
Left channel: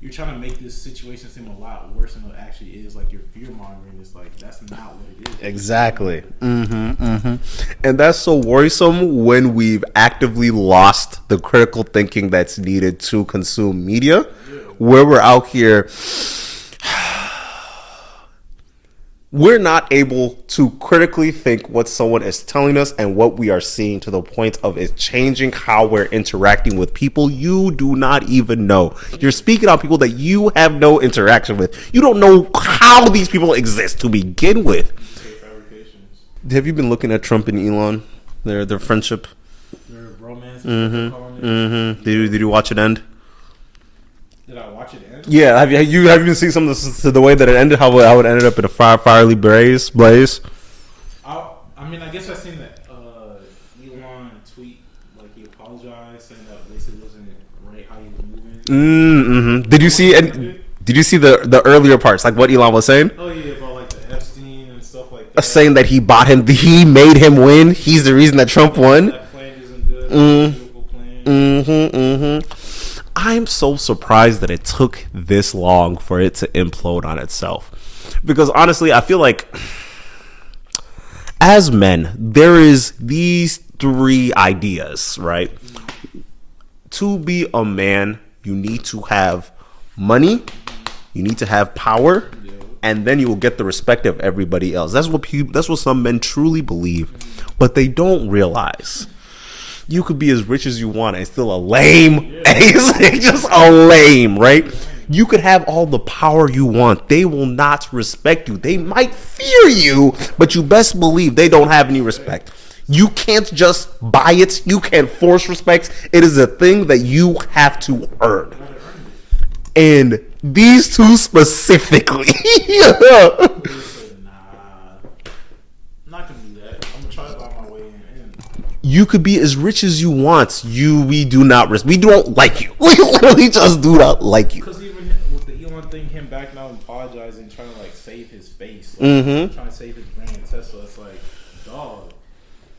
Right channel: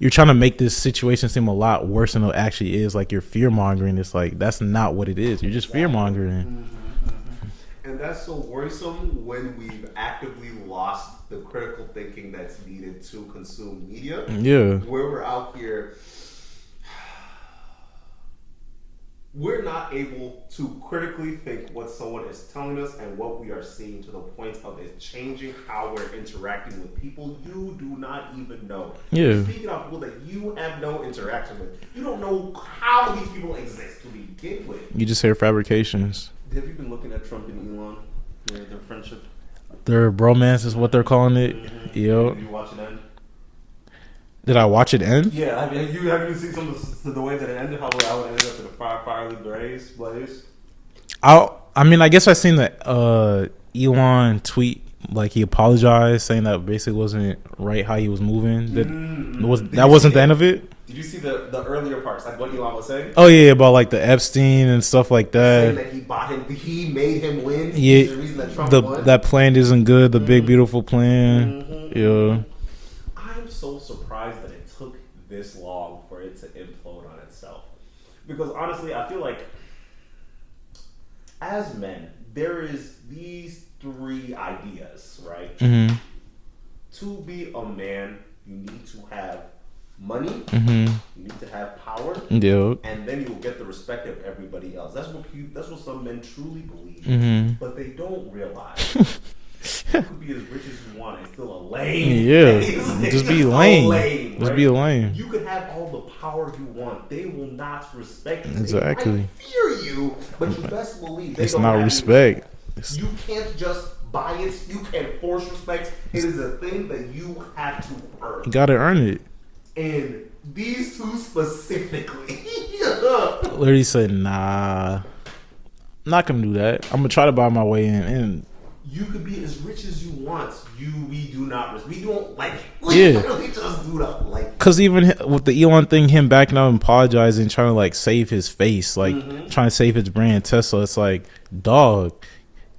you're trying to make this situation seem a lot worse than it actually is. Like, you're fear mongering. It's like, that's not what it is. You're Exactly. just fear-mongering. And that's so worrisome when we've actively lost the critical thinking that's needed to consume media. Yeah. Where we're out here, we're not able to critically think what someone is telling us and what we are seeing, to the point of it changing how we're interacting with people you do not even know. Yeah. You're speaking on people that you have no interaction with. You don't know how these people exist to begin with. You just hear fabrications. Have you been looking at Trump and Elon? Their friendship? Their bromance is what they're calling it. Did you watch it end? Did I watch it end? Yeah, have you seen some of the way that it ended? How it ended up in a fiery blaze? I mean, I guess I seen the Elon tweet, like he apologized, saying that basically wasn't right how he was moving. Did you see the end of it? Did you see the earlier parts, like what Elon was saying? Oh yeah, about like the Epstein and stuff like that. Saying that he made him win. He's the reason that Trump won. That plan isn't good. The big beautiful plan. I'm so surprised that it took this long for it to implode on itself. Because honestly, I feel like as men, there is these three ideas, right? To be a man, you need to have money, you need to have power, and then you will get the respect of everybody else. That's what some men truly believe, but they don't realize. You could be as rich as you want and still a lame. Yeah. It's just a lame, right? You could have all the power you want. They will not respect you. Exactly. They might fear you, but you best believe they don't have any respect. You can't just buy it. You can't force respect. It is a thing that you have to earn. You gotta earn it. And these two specifically. Literally said, nah. I'm not gonna do that. I'm gonna try to buy my way in. You could be as rich as you want. We don't like you. We literally just do not like you. Because even with the Elon thing, him backing out and apologizing, trying to like save his face, like trying to save his brand, Tesla. It's like, dog,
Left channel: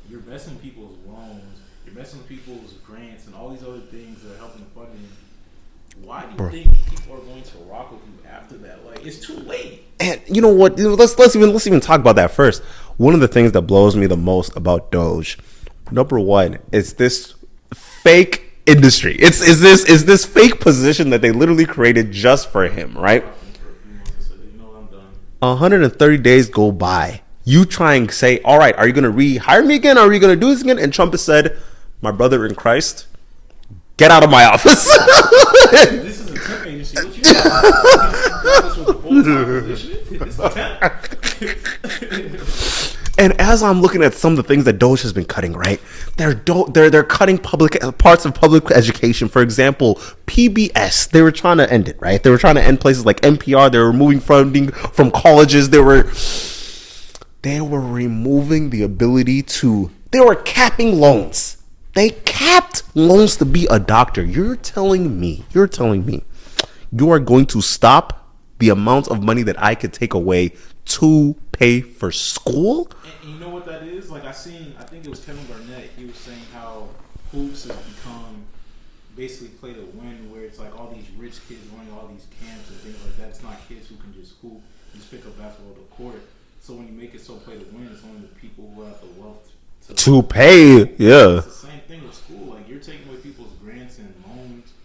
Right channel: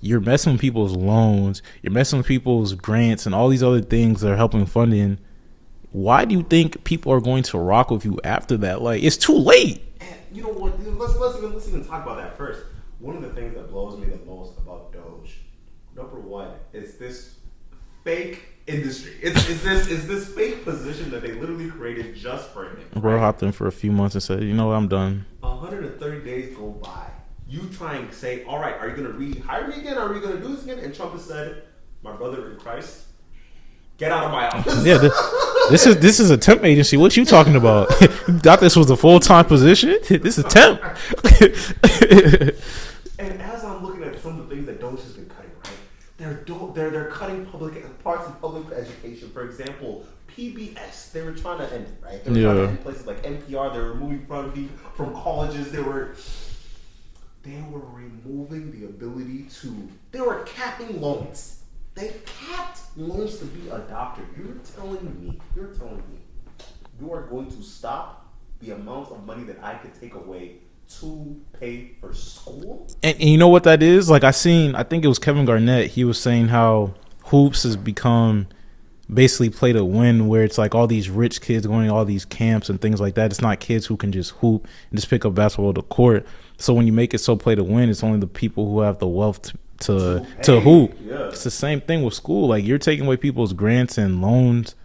you're messing with people's loans, you're messing with people's grants, and all these other things that are helping funding. Why do you think people are going to rock with you after that? Like, it's too late. And you know what? Let's even talk about that first. One of the things that blows me the most about Doge, number one, is this fake industry. Is this fake position that they literally created just for him, right? I hopped in for a few months and said, you know what, I'm done. 130 days go by. You try and say, all right, are you going to rehire me again? Are you going to do this again? And Trump has said, my brother in Christ, get out of my office. Yeah, this is a temp agency. What you talking about? Thought this was a full-time position? This is temp. And as I'm looking at some of the things that Doge has been cutting, right? They're cutting parts of public education. For example, PBS. They were trying to end it, right? They were trying to end places like NPR. They were removing funding from colleges. They were removing the ability to. They were capping loans. They capped loans to be a doctor. You're telling me you are going to stop the amount of money that I could take away to pay for school? And you know what that is? Like I think it was Kevin Garnett. He was saying how hoops has become basically play to win, where it's like all these rich kids going to all these camps and things like that. It's not kids who can just hoop and just pick up basketball to court. So when you make it so play to win, it's only the people who have the wealth to pay. It's the same thing with school. Like, you're taking away people's grants and loans.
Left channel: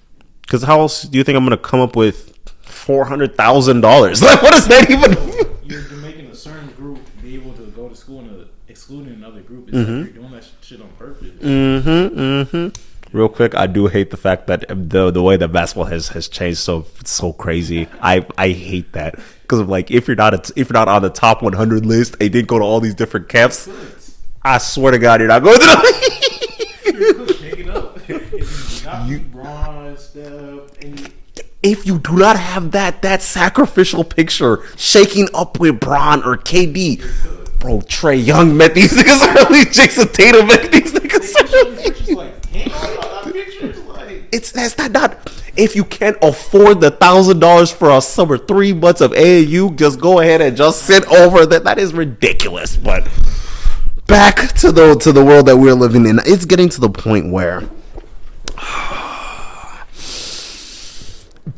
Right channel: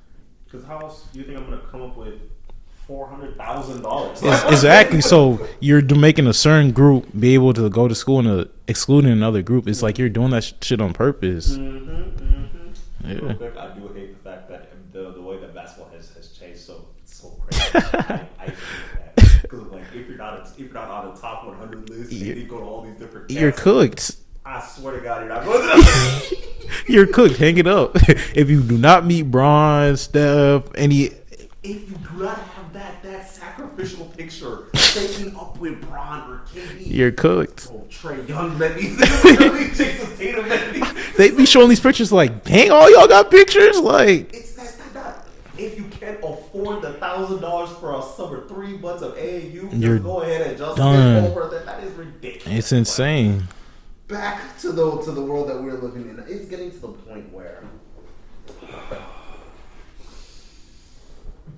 Because how else do you think I'm going to come up with $400,000? Like, exactly. So you're making a certain group be able to go to school and excluding another group. It's like you're doing that shit on purpose. Yeah. Real quick, I do hate the fact that the way that basketball has changed so crazy. I hate that, because like if you're not on the top 100 list, and you didn't go to all these different camps, you're cooked. I swear to God, you're not going to the You're cooked. Hang it up. If you do not meet Bron, Steph, if you do not have that sacrificial picture shaking up with Bron or KD, you're cooked. Bro, Trae Young met these niggas early. Jason Tatum met these niggas. They be showing these pictures like, dang, all y'all got pictures? Like, that's not. If you can't afford the $1,000 for a summer 3 months of AAU, just go ahead and just sit over that. That is ridiculous. It's insane. Back to the world that we're living in. It's getting to the point where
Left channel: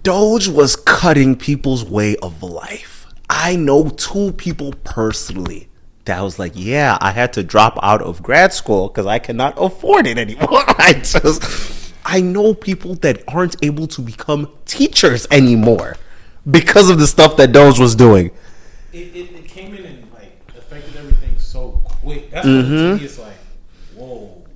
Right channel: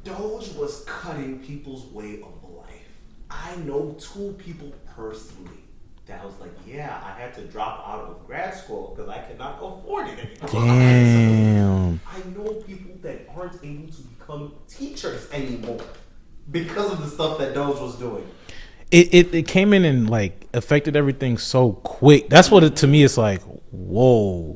Doge was cutting people's way of life. I know 2 people personally that was like, yeah, I had to drop out of grad school because I cannot afford it anymore. I know people that aren't able to become teachers anymore because of the stuff that Doge was doing. It came in and like affected everything so quick. That's what to me it's like, whoa.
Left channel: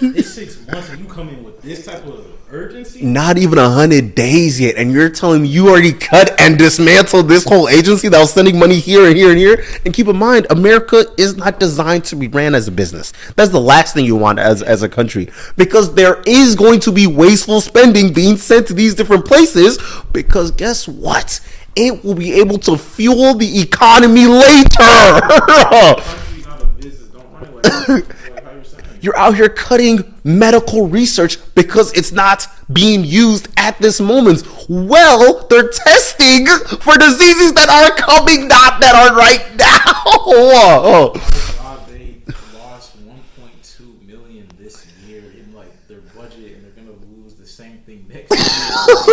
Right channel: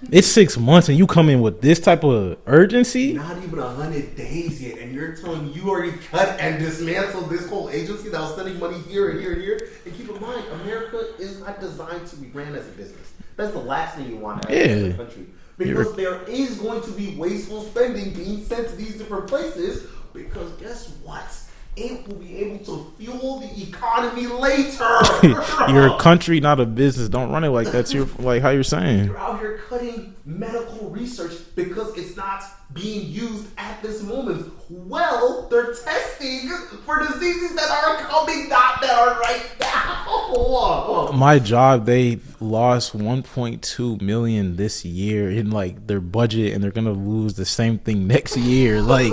It's 6 months and you come in with this type of urgency? Not even 100 days yet, and you're telling me you already cut and dismantled this whole agency that was sending money here and here and here. And keep in mind, America is not designed to be ran as a business. That's the last thing you want as a country, because there is going to be wasteful spending being sent to these different places, because guess what? It will be able to fuel the economy later. You're a country, not a business. Don't run it like that's like how you're saying. You're out here cutting medical research because it's not being used at this moment. Well, they're testing for diseases that are coming, not that are right now. My job, they lost 1.2 million this year in like their budget, and they're gonna lose the same thing next year. Like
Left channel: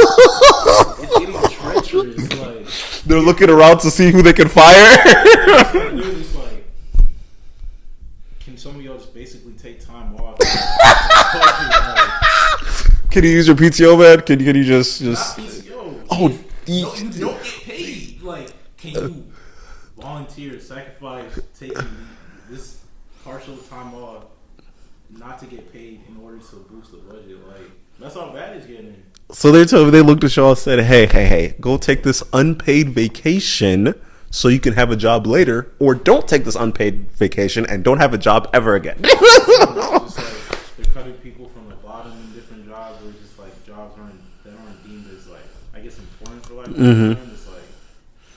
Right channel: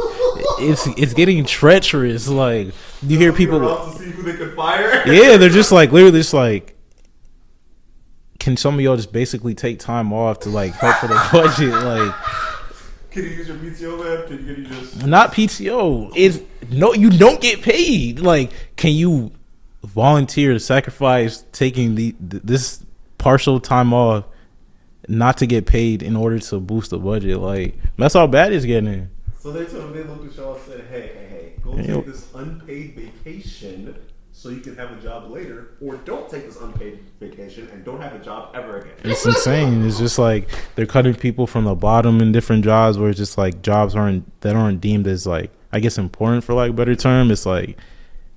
it's getting treacherous. Like they're looking around to see who they can fire. Yeah, they're just like literally just like, can some of y'all just basically take time off to like pay for the budget? Like, can you use your PTO, man? Can you just not PTO? No, you don't get paid. Like, can you volunteer to sacrifice taking this partial time off not to get paid in order to boost the budget? Like, that's how bad it's getting. So they looked at y'all and said, hey, go take this unpaid vacation so you can have a job later, or don't take this unpaid vacation and don't have a job ever again. It's insane. It's just like they're cutting people from the bottom in different jobs where it's just like jobs that aren't deemed as like, I guess, important for like a better term. It's like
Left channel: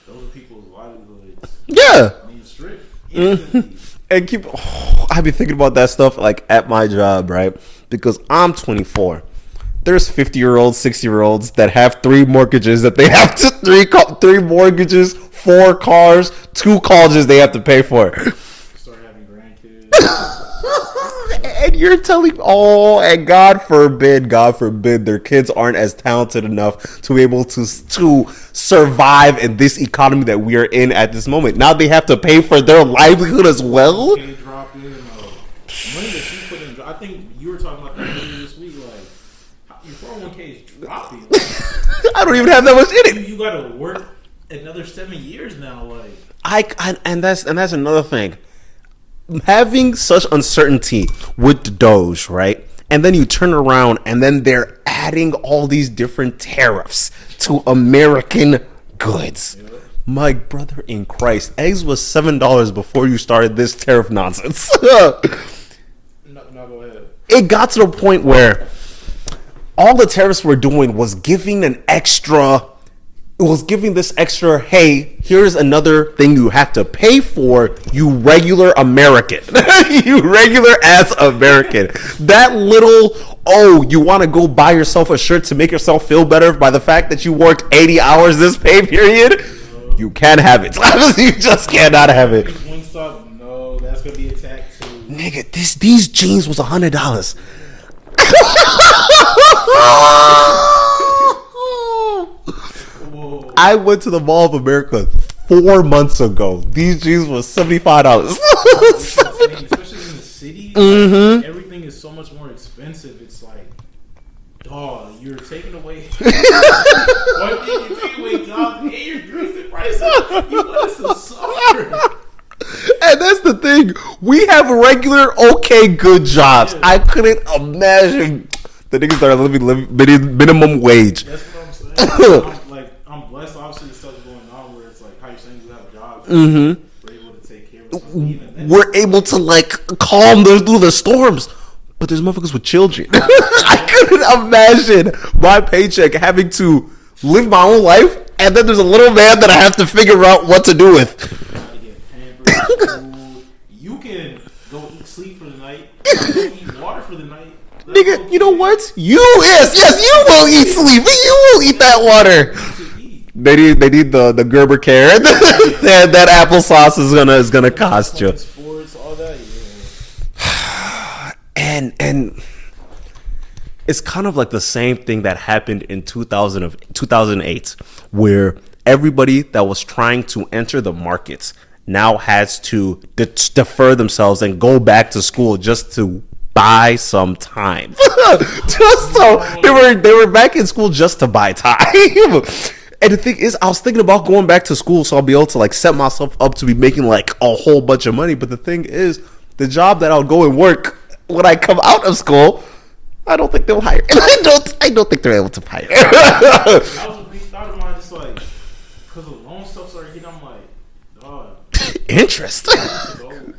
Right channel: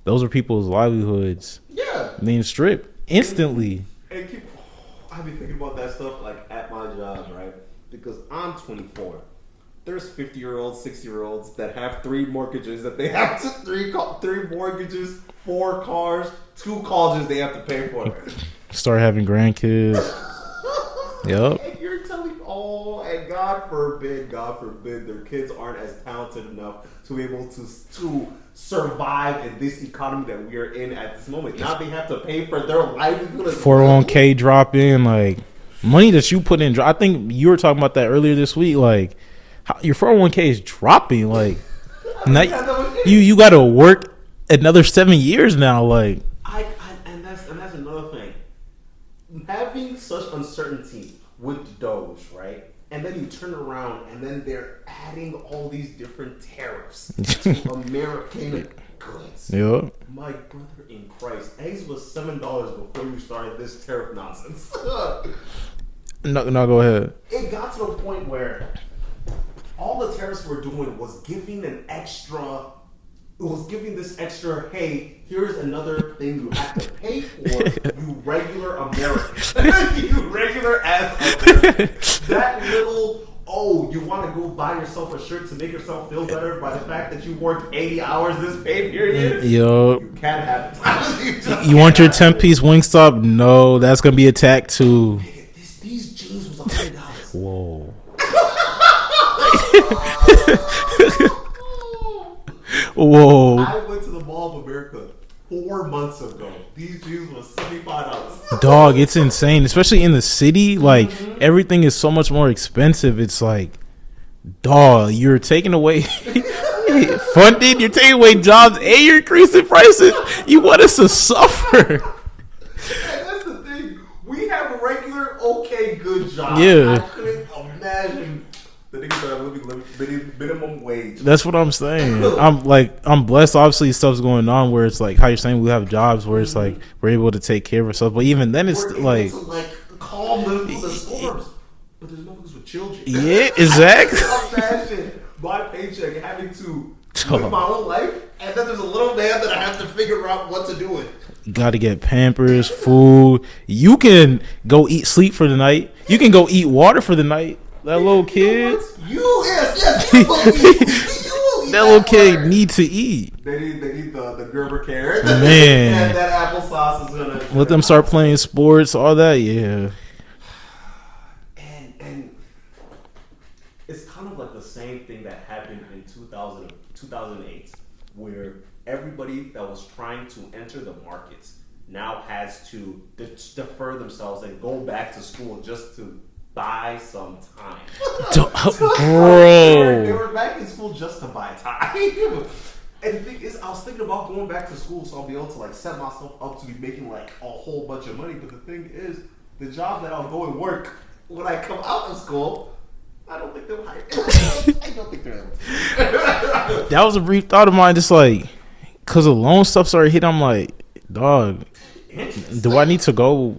those are people's livelihoods. Yeah, being stripped instantly. And I've been thinking about that stuff like at my job, right? Because I'm 24. There's 50-year-olds, 60-year-olds that have 3 mortgages that they have to 3 mortgages, 4 cars, 2 colleges they have to pay for. Start having grandkids. Yep. And you're telling and God forbid their kids aren't as talented enough to be able to survive in this economy that we are in at this moment. Now they have to pay for their livelihood as well. 401k drop in, like money that you put in. I think you were talking about that earlier this week. Like your 401k is dropping. Like I don't even have that much in it. You got to work another 7 years now. Like and that's another thing. Having such uncertainty with the Doge, right? And then you turn around and then they're adding all these different tariffs to American goods. Yeah. My brother in Christ, eggs was $7 before you started this tariff nonsense. No, go ahead. It got to the point where all the tariffs were doing was giving this extra, hey, here's another thing you have to pay for, you regular American. You regular ass American. That little, you want to go buy yourself a shirt to make yourself feel better by the fact that you worked 80 hours this pay period? Yo. You can't have it. You just cannot have it. 10-piece Wingstop? No, that's going to be attacked too. Nigga, these jeans was $100. Whoa. I went to the Mall of America 4 months ago. These jeans was $75. Dog, it's insane. Especially in the city. Like, everything is so much more expensive. It's like, dog, you're taking away funding, you're taking away jobs, and you're increasing prices. You want us to suffer. And that's the thing. We have regular, good jobs. Yeah. I couldn't imagine the niggas that are living minimum wage. That's what I'm saying. I'm blessed. Obviously, stuff's going on where it's like how you're saying we have jobs where it's like we're able to take care of ourselves. But even then, we're able to calm through the storms. But there's motherfuckers with children. Yeah, exactly. I can imagine my paycheck having to live my own life, and then there's a little man that I have to figure out what to do with. Got to get Pampers, food. You can go sleep for the night. You can go eat water for the night. Nigga, you know what? You will eat sleep. You will eat that water. Need to eat. They need the Gerber care. that applesauce is gonna let them start playing sports, all that. Yeah. And it's kind of like the same thing that happened in 2008, where everybody that was trying to enter the markets now has to defer themselves and go back to school just to buy some time. So they were back in school just to buy time. And the thing is, I was thinking about going back to school so I'll be able to like set myself up to be making like a whole bunch of money. But the thing is, the job that I'll go and work when I come out of school, I don't think they'll hire. I don't think they're able to hire. That was a brief thought of mine. Just like, cause the loan stuff started hitting. I'm like, dog, interest. Do I need to go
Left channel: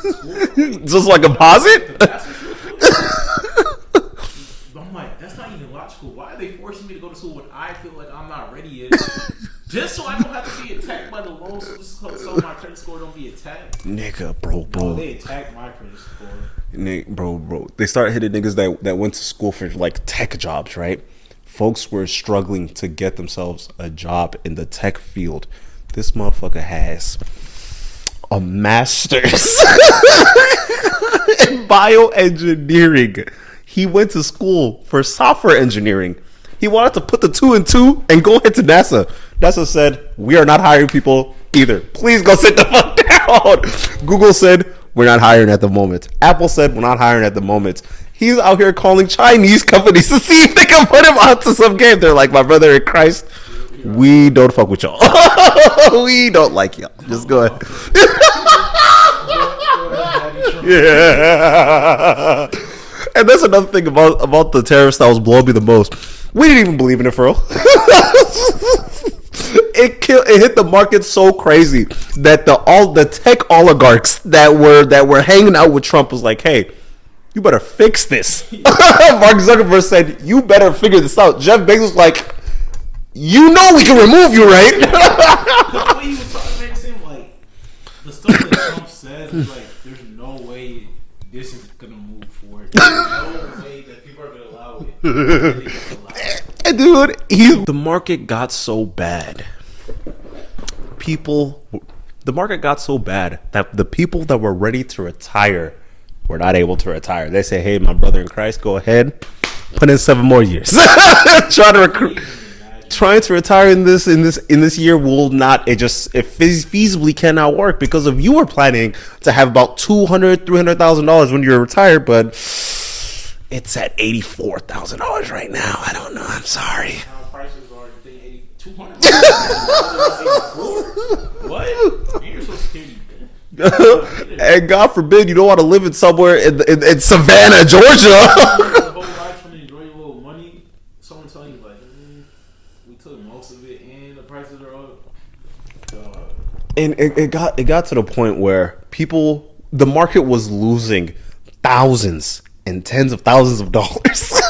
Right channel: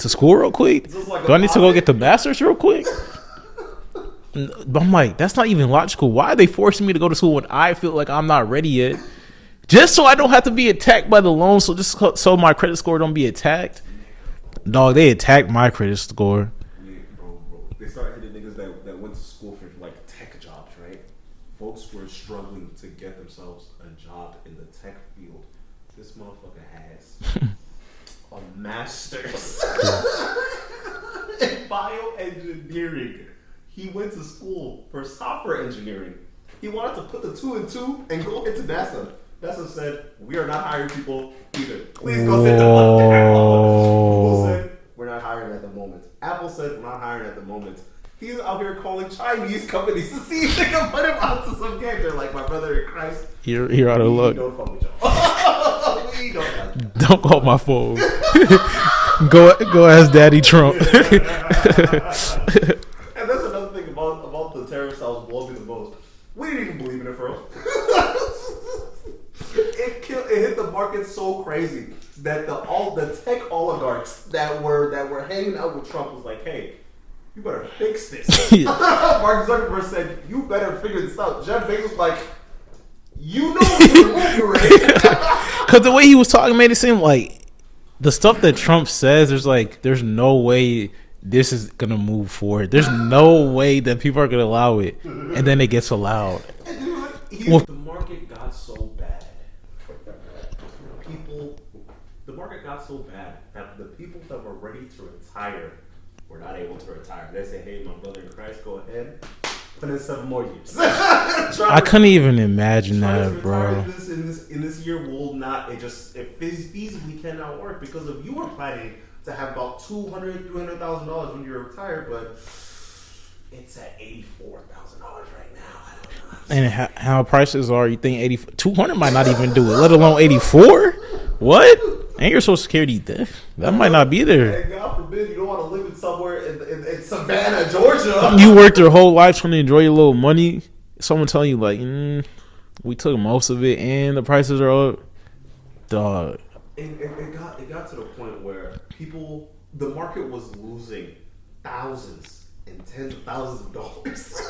to school real quick? Just like do a I need to deposit? go get the bachelor's real quick? But I'm like, that's not even logical. Why are they forcing me to go to school when I feel like I'm not ready yet? Just so I don't have to be attacked by the loan. So just so my credit score don't be attacked. Nigga, bro. Dog, they attacked my credit score. Bro. They started hitting niggas that went to school for like tech jobs, right? Folks were struggling to get themselves a job in the tech field. This motherfucker has a master's in bioengineering. He went to school for software engineering. He wanted to put the 2 and 2 and go into NASA. NASA said, we are not hiring people either. Please go sit the fuck down. Google said, we're not hiring at the moment. Apple said, we're not hiring at the moment. He's out here calling Chinese companies to see if they can put him onto some game. They're like, my brother in Christ, we don't fuck with y'all. We don't like y'all. Don't call my phone. Go ask Daddy Trump. Yeah. And that's another thing about the tariffs that was blowing me the most. We didn't even believe in it, for real. It hit the market so crazy that all the tech oligarchs that were hanging out with Trump was like, hey, you better fix this. Mark Zuckerberg said, you better figure this out. Jeff Bezos was like, you know we can remove you, right? Because the way he was talking made it seem like the stuff that Trump says, there's no way this is gonna move forward. There's no way that people are gonna allow it, and then it gets allowed. And dude, the market got so bad. The market got so bad that the people that were ready to retire were not able to retire. They say, "Hey, my brother in Christ, go ahead, put in 7 more years." I couldn't even imagine trying to retire in this year will not. It feasibly cannot work because if you were planning to have about $200,000-$300,000 when you're retired, but it's at $84,000 right now. I don't know. I'm sorry. And how prices are? You think 200 might not even do it, let alone 84? What? And your Social Security debt might not be there. And God forbid you don't want to live in somewhere in Savannah, Georgia. You worked your whole life trying to enjoy your little money. Someone telling you like, we took most of it, and the prices are up. Dog. And it got to the point where the market was losing thousands and tens of thousands of dollars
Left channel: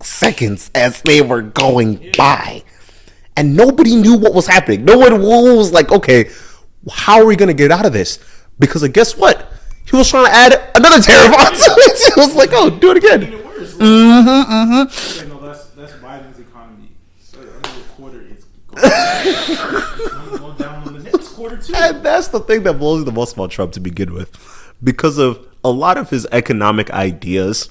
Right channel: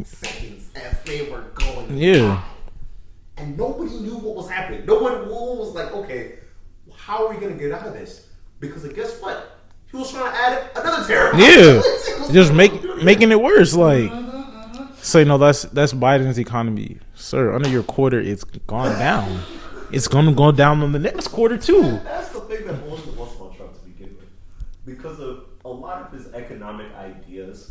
seconds as they were going by, and nobody knew what was happening. No one was like, okay, how are we gonna get out of this? Because guess what, he was trying to add another tariff on it. He was like, do it again, making it worse. Like, say no, that's Biden's economy, sir. Under your quarter, it's gone down. It's gonna go down on the next quarter too. And that's the thing that blows me the most about Trump to begin with, because of a lot of his economic ideas.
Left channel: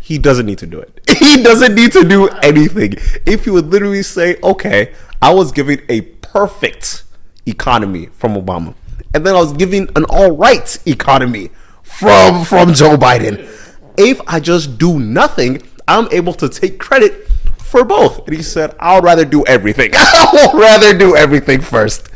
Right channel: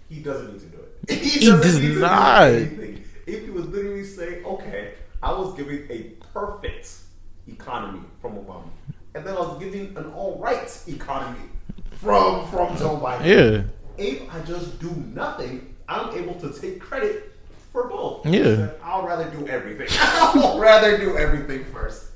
He doesn't need to do it. He doesn't need to do anything. If he would literally say, okay, I was giving a perfect economy from Obama, and then I was giving an all right economy from Joe Biden. Yeah. If I just do nothing, I'm able to take credit for both. And he said, I'll rather do everything. I'll rather do everything first.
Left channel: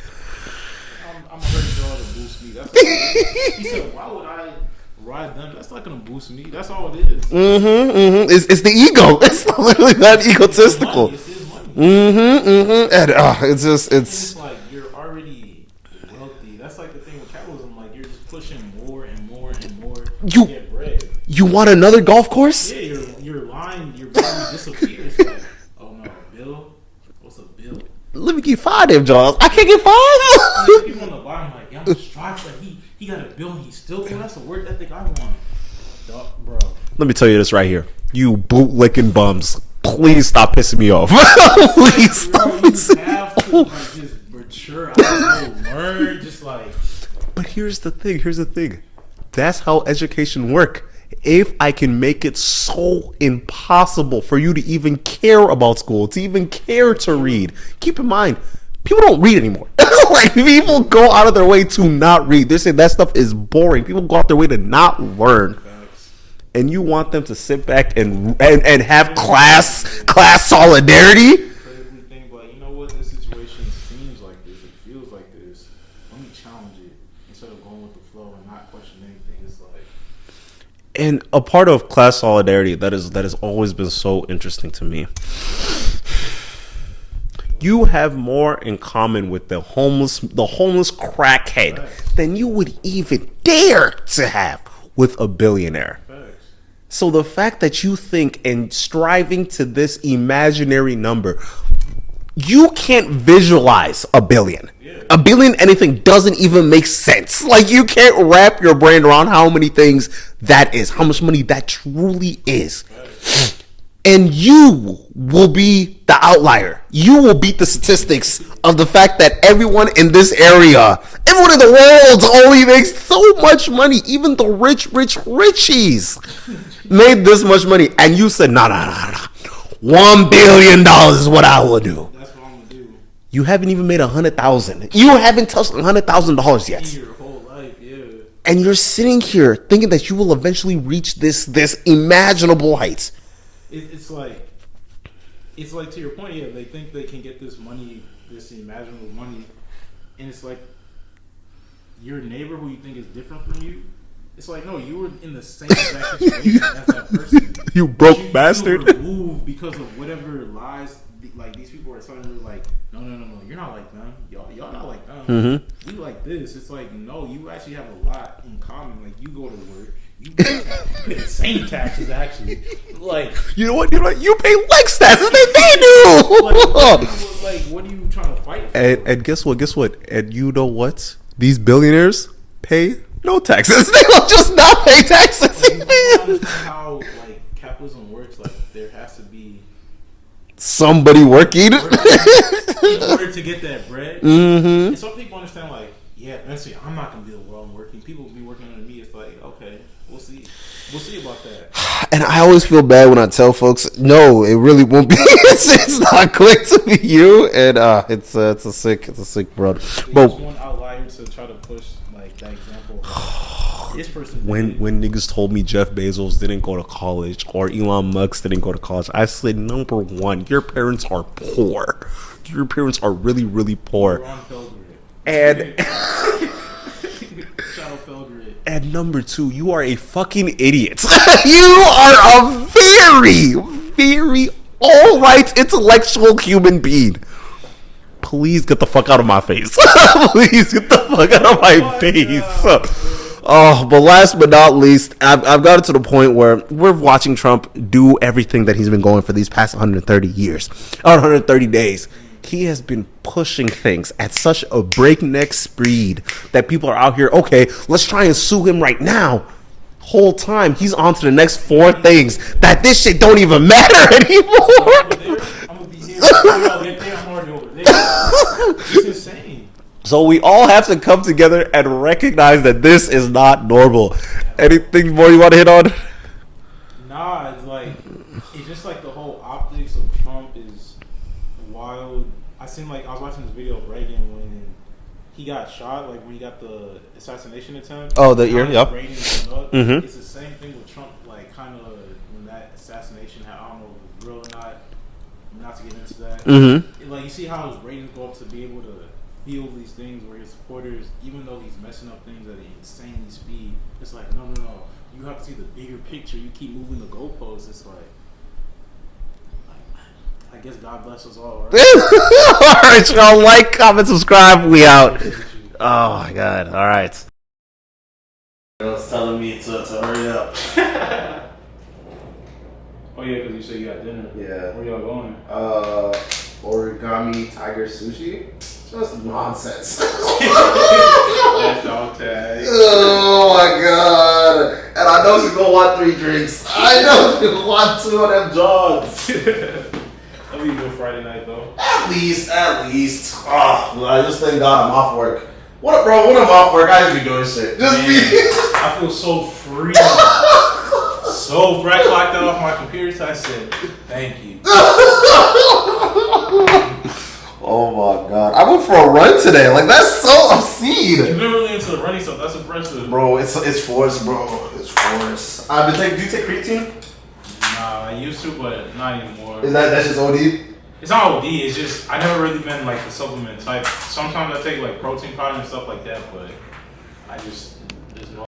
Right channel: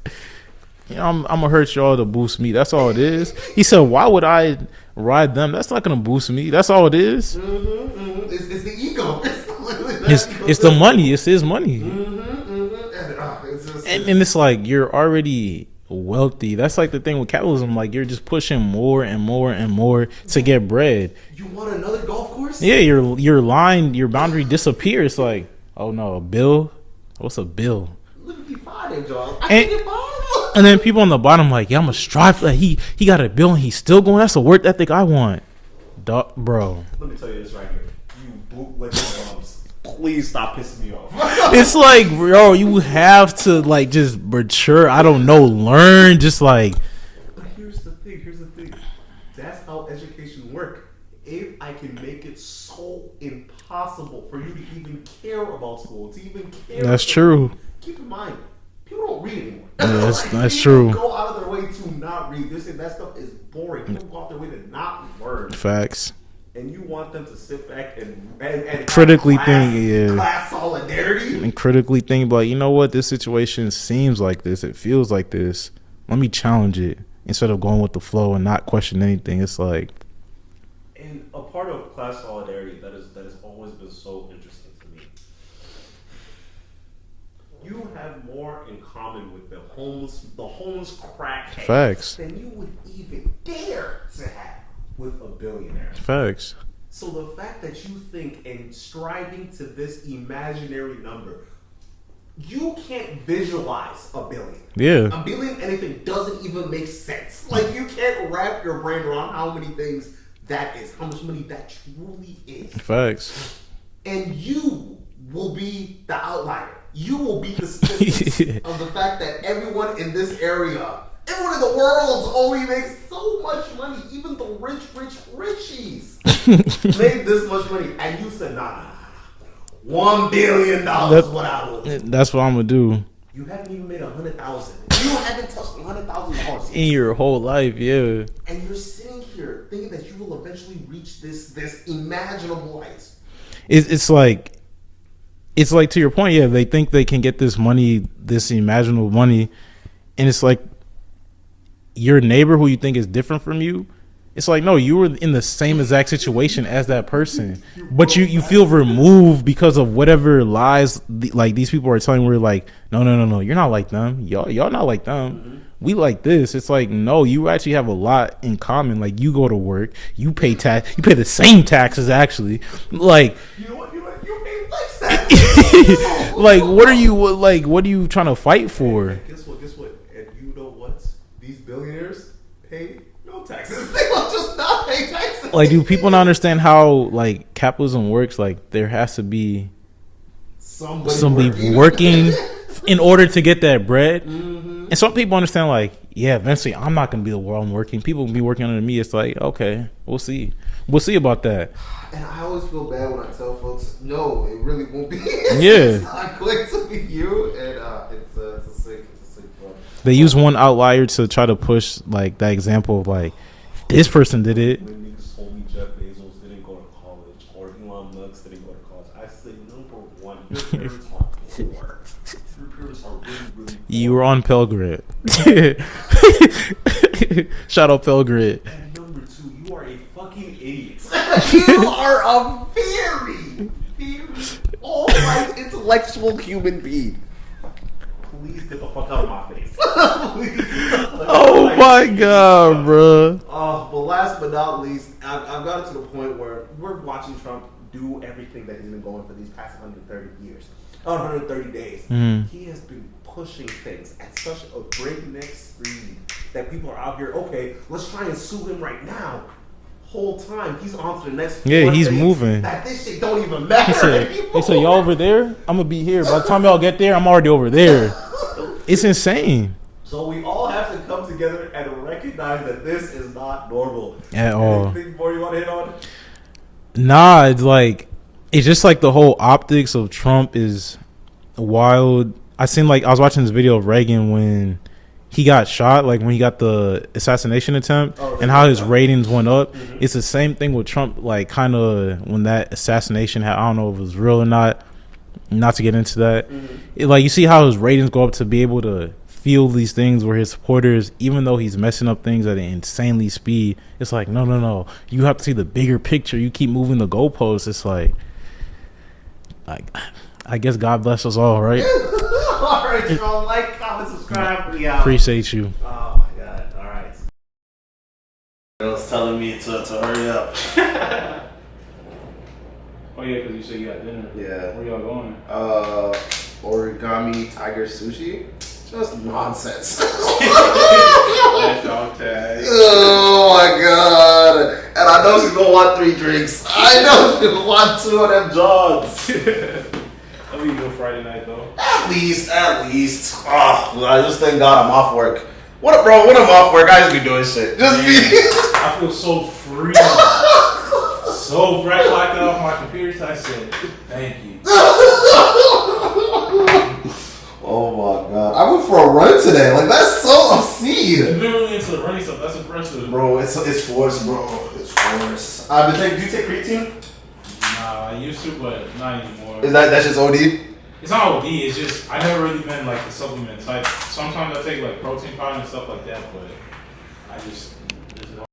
I'm going to hurt y'all to boost me. That's all it is. He said, why would I ride them? That's not going to boost me. That's all it is. It's the ego. It's literally that egotistical. It's the money. It's his money. And it's like you're already wealthy. That's like the thing with capitalism. Like you're just pushing more and more and more to get bread. You want another golf course? Yeah, your boundary disappears. Like, oh no, a bill? What's a bill? Let me get 5 damn jobs. I can't get 5. And then people on the bottom like, yeah, I'm gonna strive for that. He got a bill and he's still going. That's the work ethic I want, bro. Let me tell you this right here, you bootlicking bums. Please stop pissing me off. It's like, bro, you have to like just mature. I don't know, learn. Just like, but here's the thing. That's how education work. if I can make it so impossible for you to even care about school, to even care That's to true. read. Keep in mind, people don't read anymore. Like, that's people true. go out of their way to not read. They're saying that stuff is boring. People go out their way to not learn. Facts. And you want them to sit back and have Critically class solidarity? And critically think, like, you know what? This situation seems like this. It feels like this. Let me challenge it instead of going with the flow and not question anything. It's like, and a part of class solidarity that has always been so interesting to me. You have more in common with the homeless crackhead Facts. than you would even dare to have with a billionaire. facts. So the fact that you think and striving to this imaginary number, you can't visualize a billion. Yeah. A billion anything doesn't even make sense. Like, you can't wrap your brain around how many things that is, how much money that truly is. Facts. And you will be the outlier. You will beat the statistics of the fact that everyone in this area, everyone in the world only makes so much money. Even the richies made this much money. And you said, no. $1 billion is what I will do. That's what I'm gonna do. You haven't even made 100,000. You haven't touched $100,000 yet. In your whole life, yeah. And you're sitting here thinking that you will eventually reach this imaginable height. It's like to your point, yeah. They think they can get this money, this imaginable money, and it's like your neighbor who you think is different from you. It's like, no, you were in the same exact situation as that person, but you feel removed because of whatever lies like these people are telling. We're like, no, you're not like them. Y'all not like them. Mm-hmm. We like this. It's like, no, you actually have a lot in common. Like, you go to work, you pay tax, you pay the same taxes actually. Like, you know what? You pay less taxes than they do. what are you trying to fight for? And guess what? And you know what? These billionaires pay no taxes. They will just not pay taxes. Like, do people not understand how like capitalism works? Like, there has to be somebody working in order to get that bread. Mm-hmm. And some people understand, like, yeah, eventually I'm not gonna be the one working. People will be working under me. It's like, okay, we'll see about that. And I always feel bad when I tell folks, no, it really won't be. It's not going to be you. And it's a sick brother. They use one outlier to try to push like that example of like this person did it. When niggas told me Jeff Bezos didn't go to college or Elon Musk didn't go to college, I said, number one, your parents are poor. Your parents are really, really poor. You're on Pell Grid. And Shout out Pell Grid. And number two, you are a fucking idiot. You are a very, very alright intellectual human being. Please get the fuck out of my face. Please get the fuck out of my face. God, bro. Oh, but last but not least, I've gotten to the point where we're watching Trump do everything that he's been going for these past 130 years, or 130 days. He has been pushing things at such a breakneck speed that people are out here, okay, let's try and sue him right now. Whole time he's on to the next four things moving. That this shit don't even matter anymore. So y'all over there, I'm gonna be here. By the time y'all get there, I'm already over there. It's insane. So we all have to come together and recognize that this is not normal. Anything more you want to hit on? Nah, it's just like the whole optics of Trump is wild. I was watching this video of Reagan when he got shot, like when he got the assassination attempt, and how his ratings went up. Mm-hmm. It's the same thing with Trump, like kind of when that assassination I don't know if it was real or not to get into that. Mm-hmm. Like, you see how his ratings go up to be able to feel these things where his supporters, even though he's messing up things at an insanely speed, it's like, no, you have to see the bigger picture. You keep moving the goalposts. It's like I guess God bless us all, right? All right, y'all. Like, comment, subscribe. We out. Appreciate you. Oh, my God. All right. Girl's telling me to hurry up. Oh, yeah, because you said you got dinner. Yeah. Where y'all going? Origami tiger sushi. Just nonsense. That's dog tag. Oh, my God. And I know she's going to want 3 drinks. I know she's going to want 2 of them jogs. I'll be good Friday night though. At least. Oh, I just thank God I'm off work. When I'm off work, I just be doing shit. I feel so free. so fresh like that off my computer, so I said, thank you. Oh my god. I went for a run today. Like, that's so obscene. You've been really into the running stuff. That's impressive. Bro, it's forced, bro. It's forced. Do you take creatine? Nah, I used to, but not anymore. That's just OD? It's not OD. It's just I never really been like the supplement type. Sometimes I take like protein powder and stuff like that, but I just there's no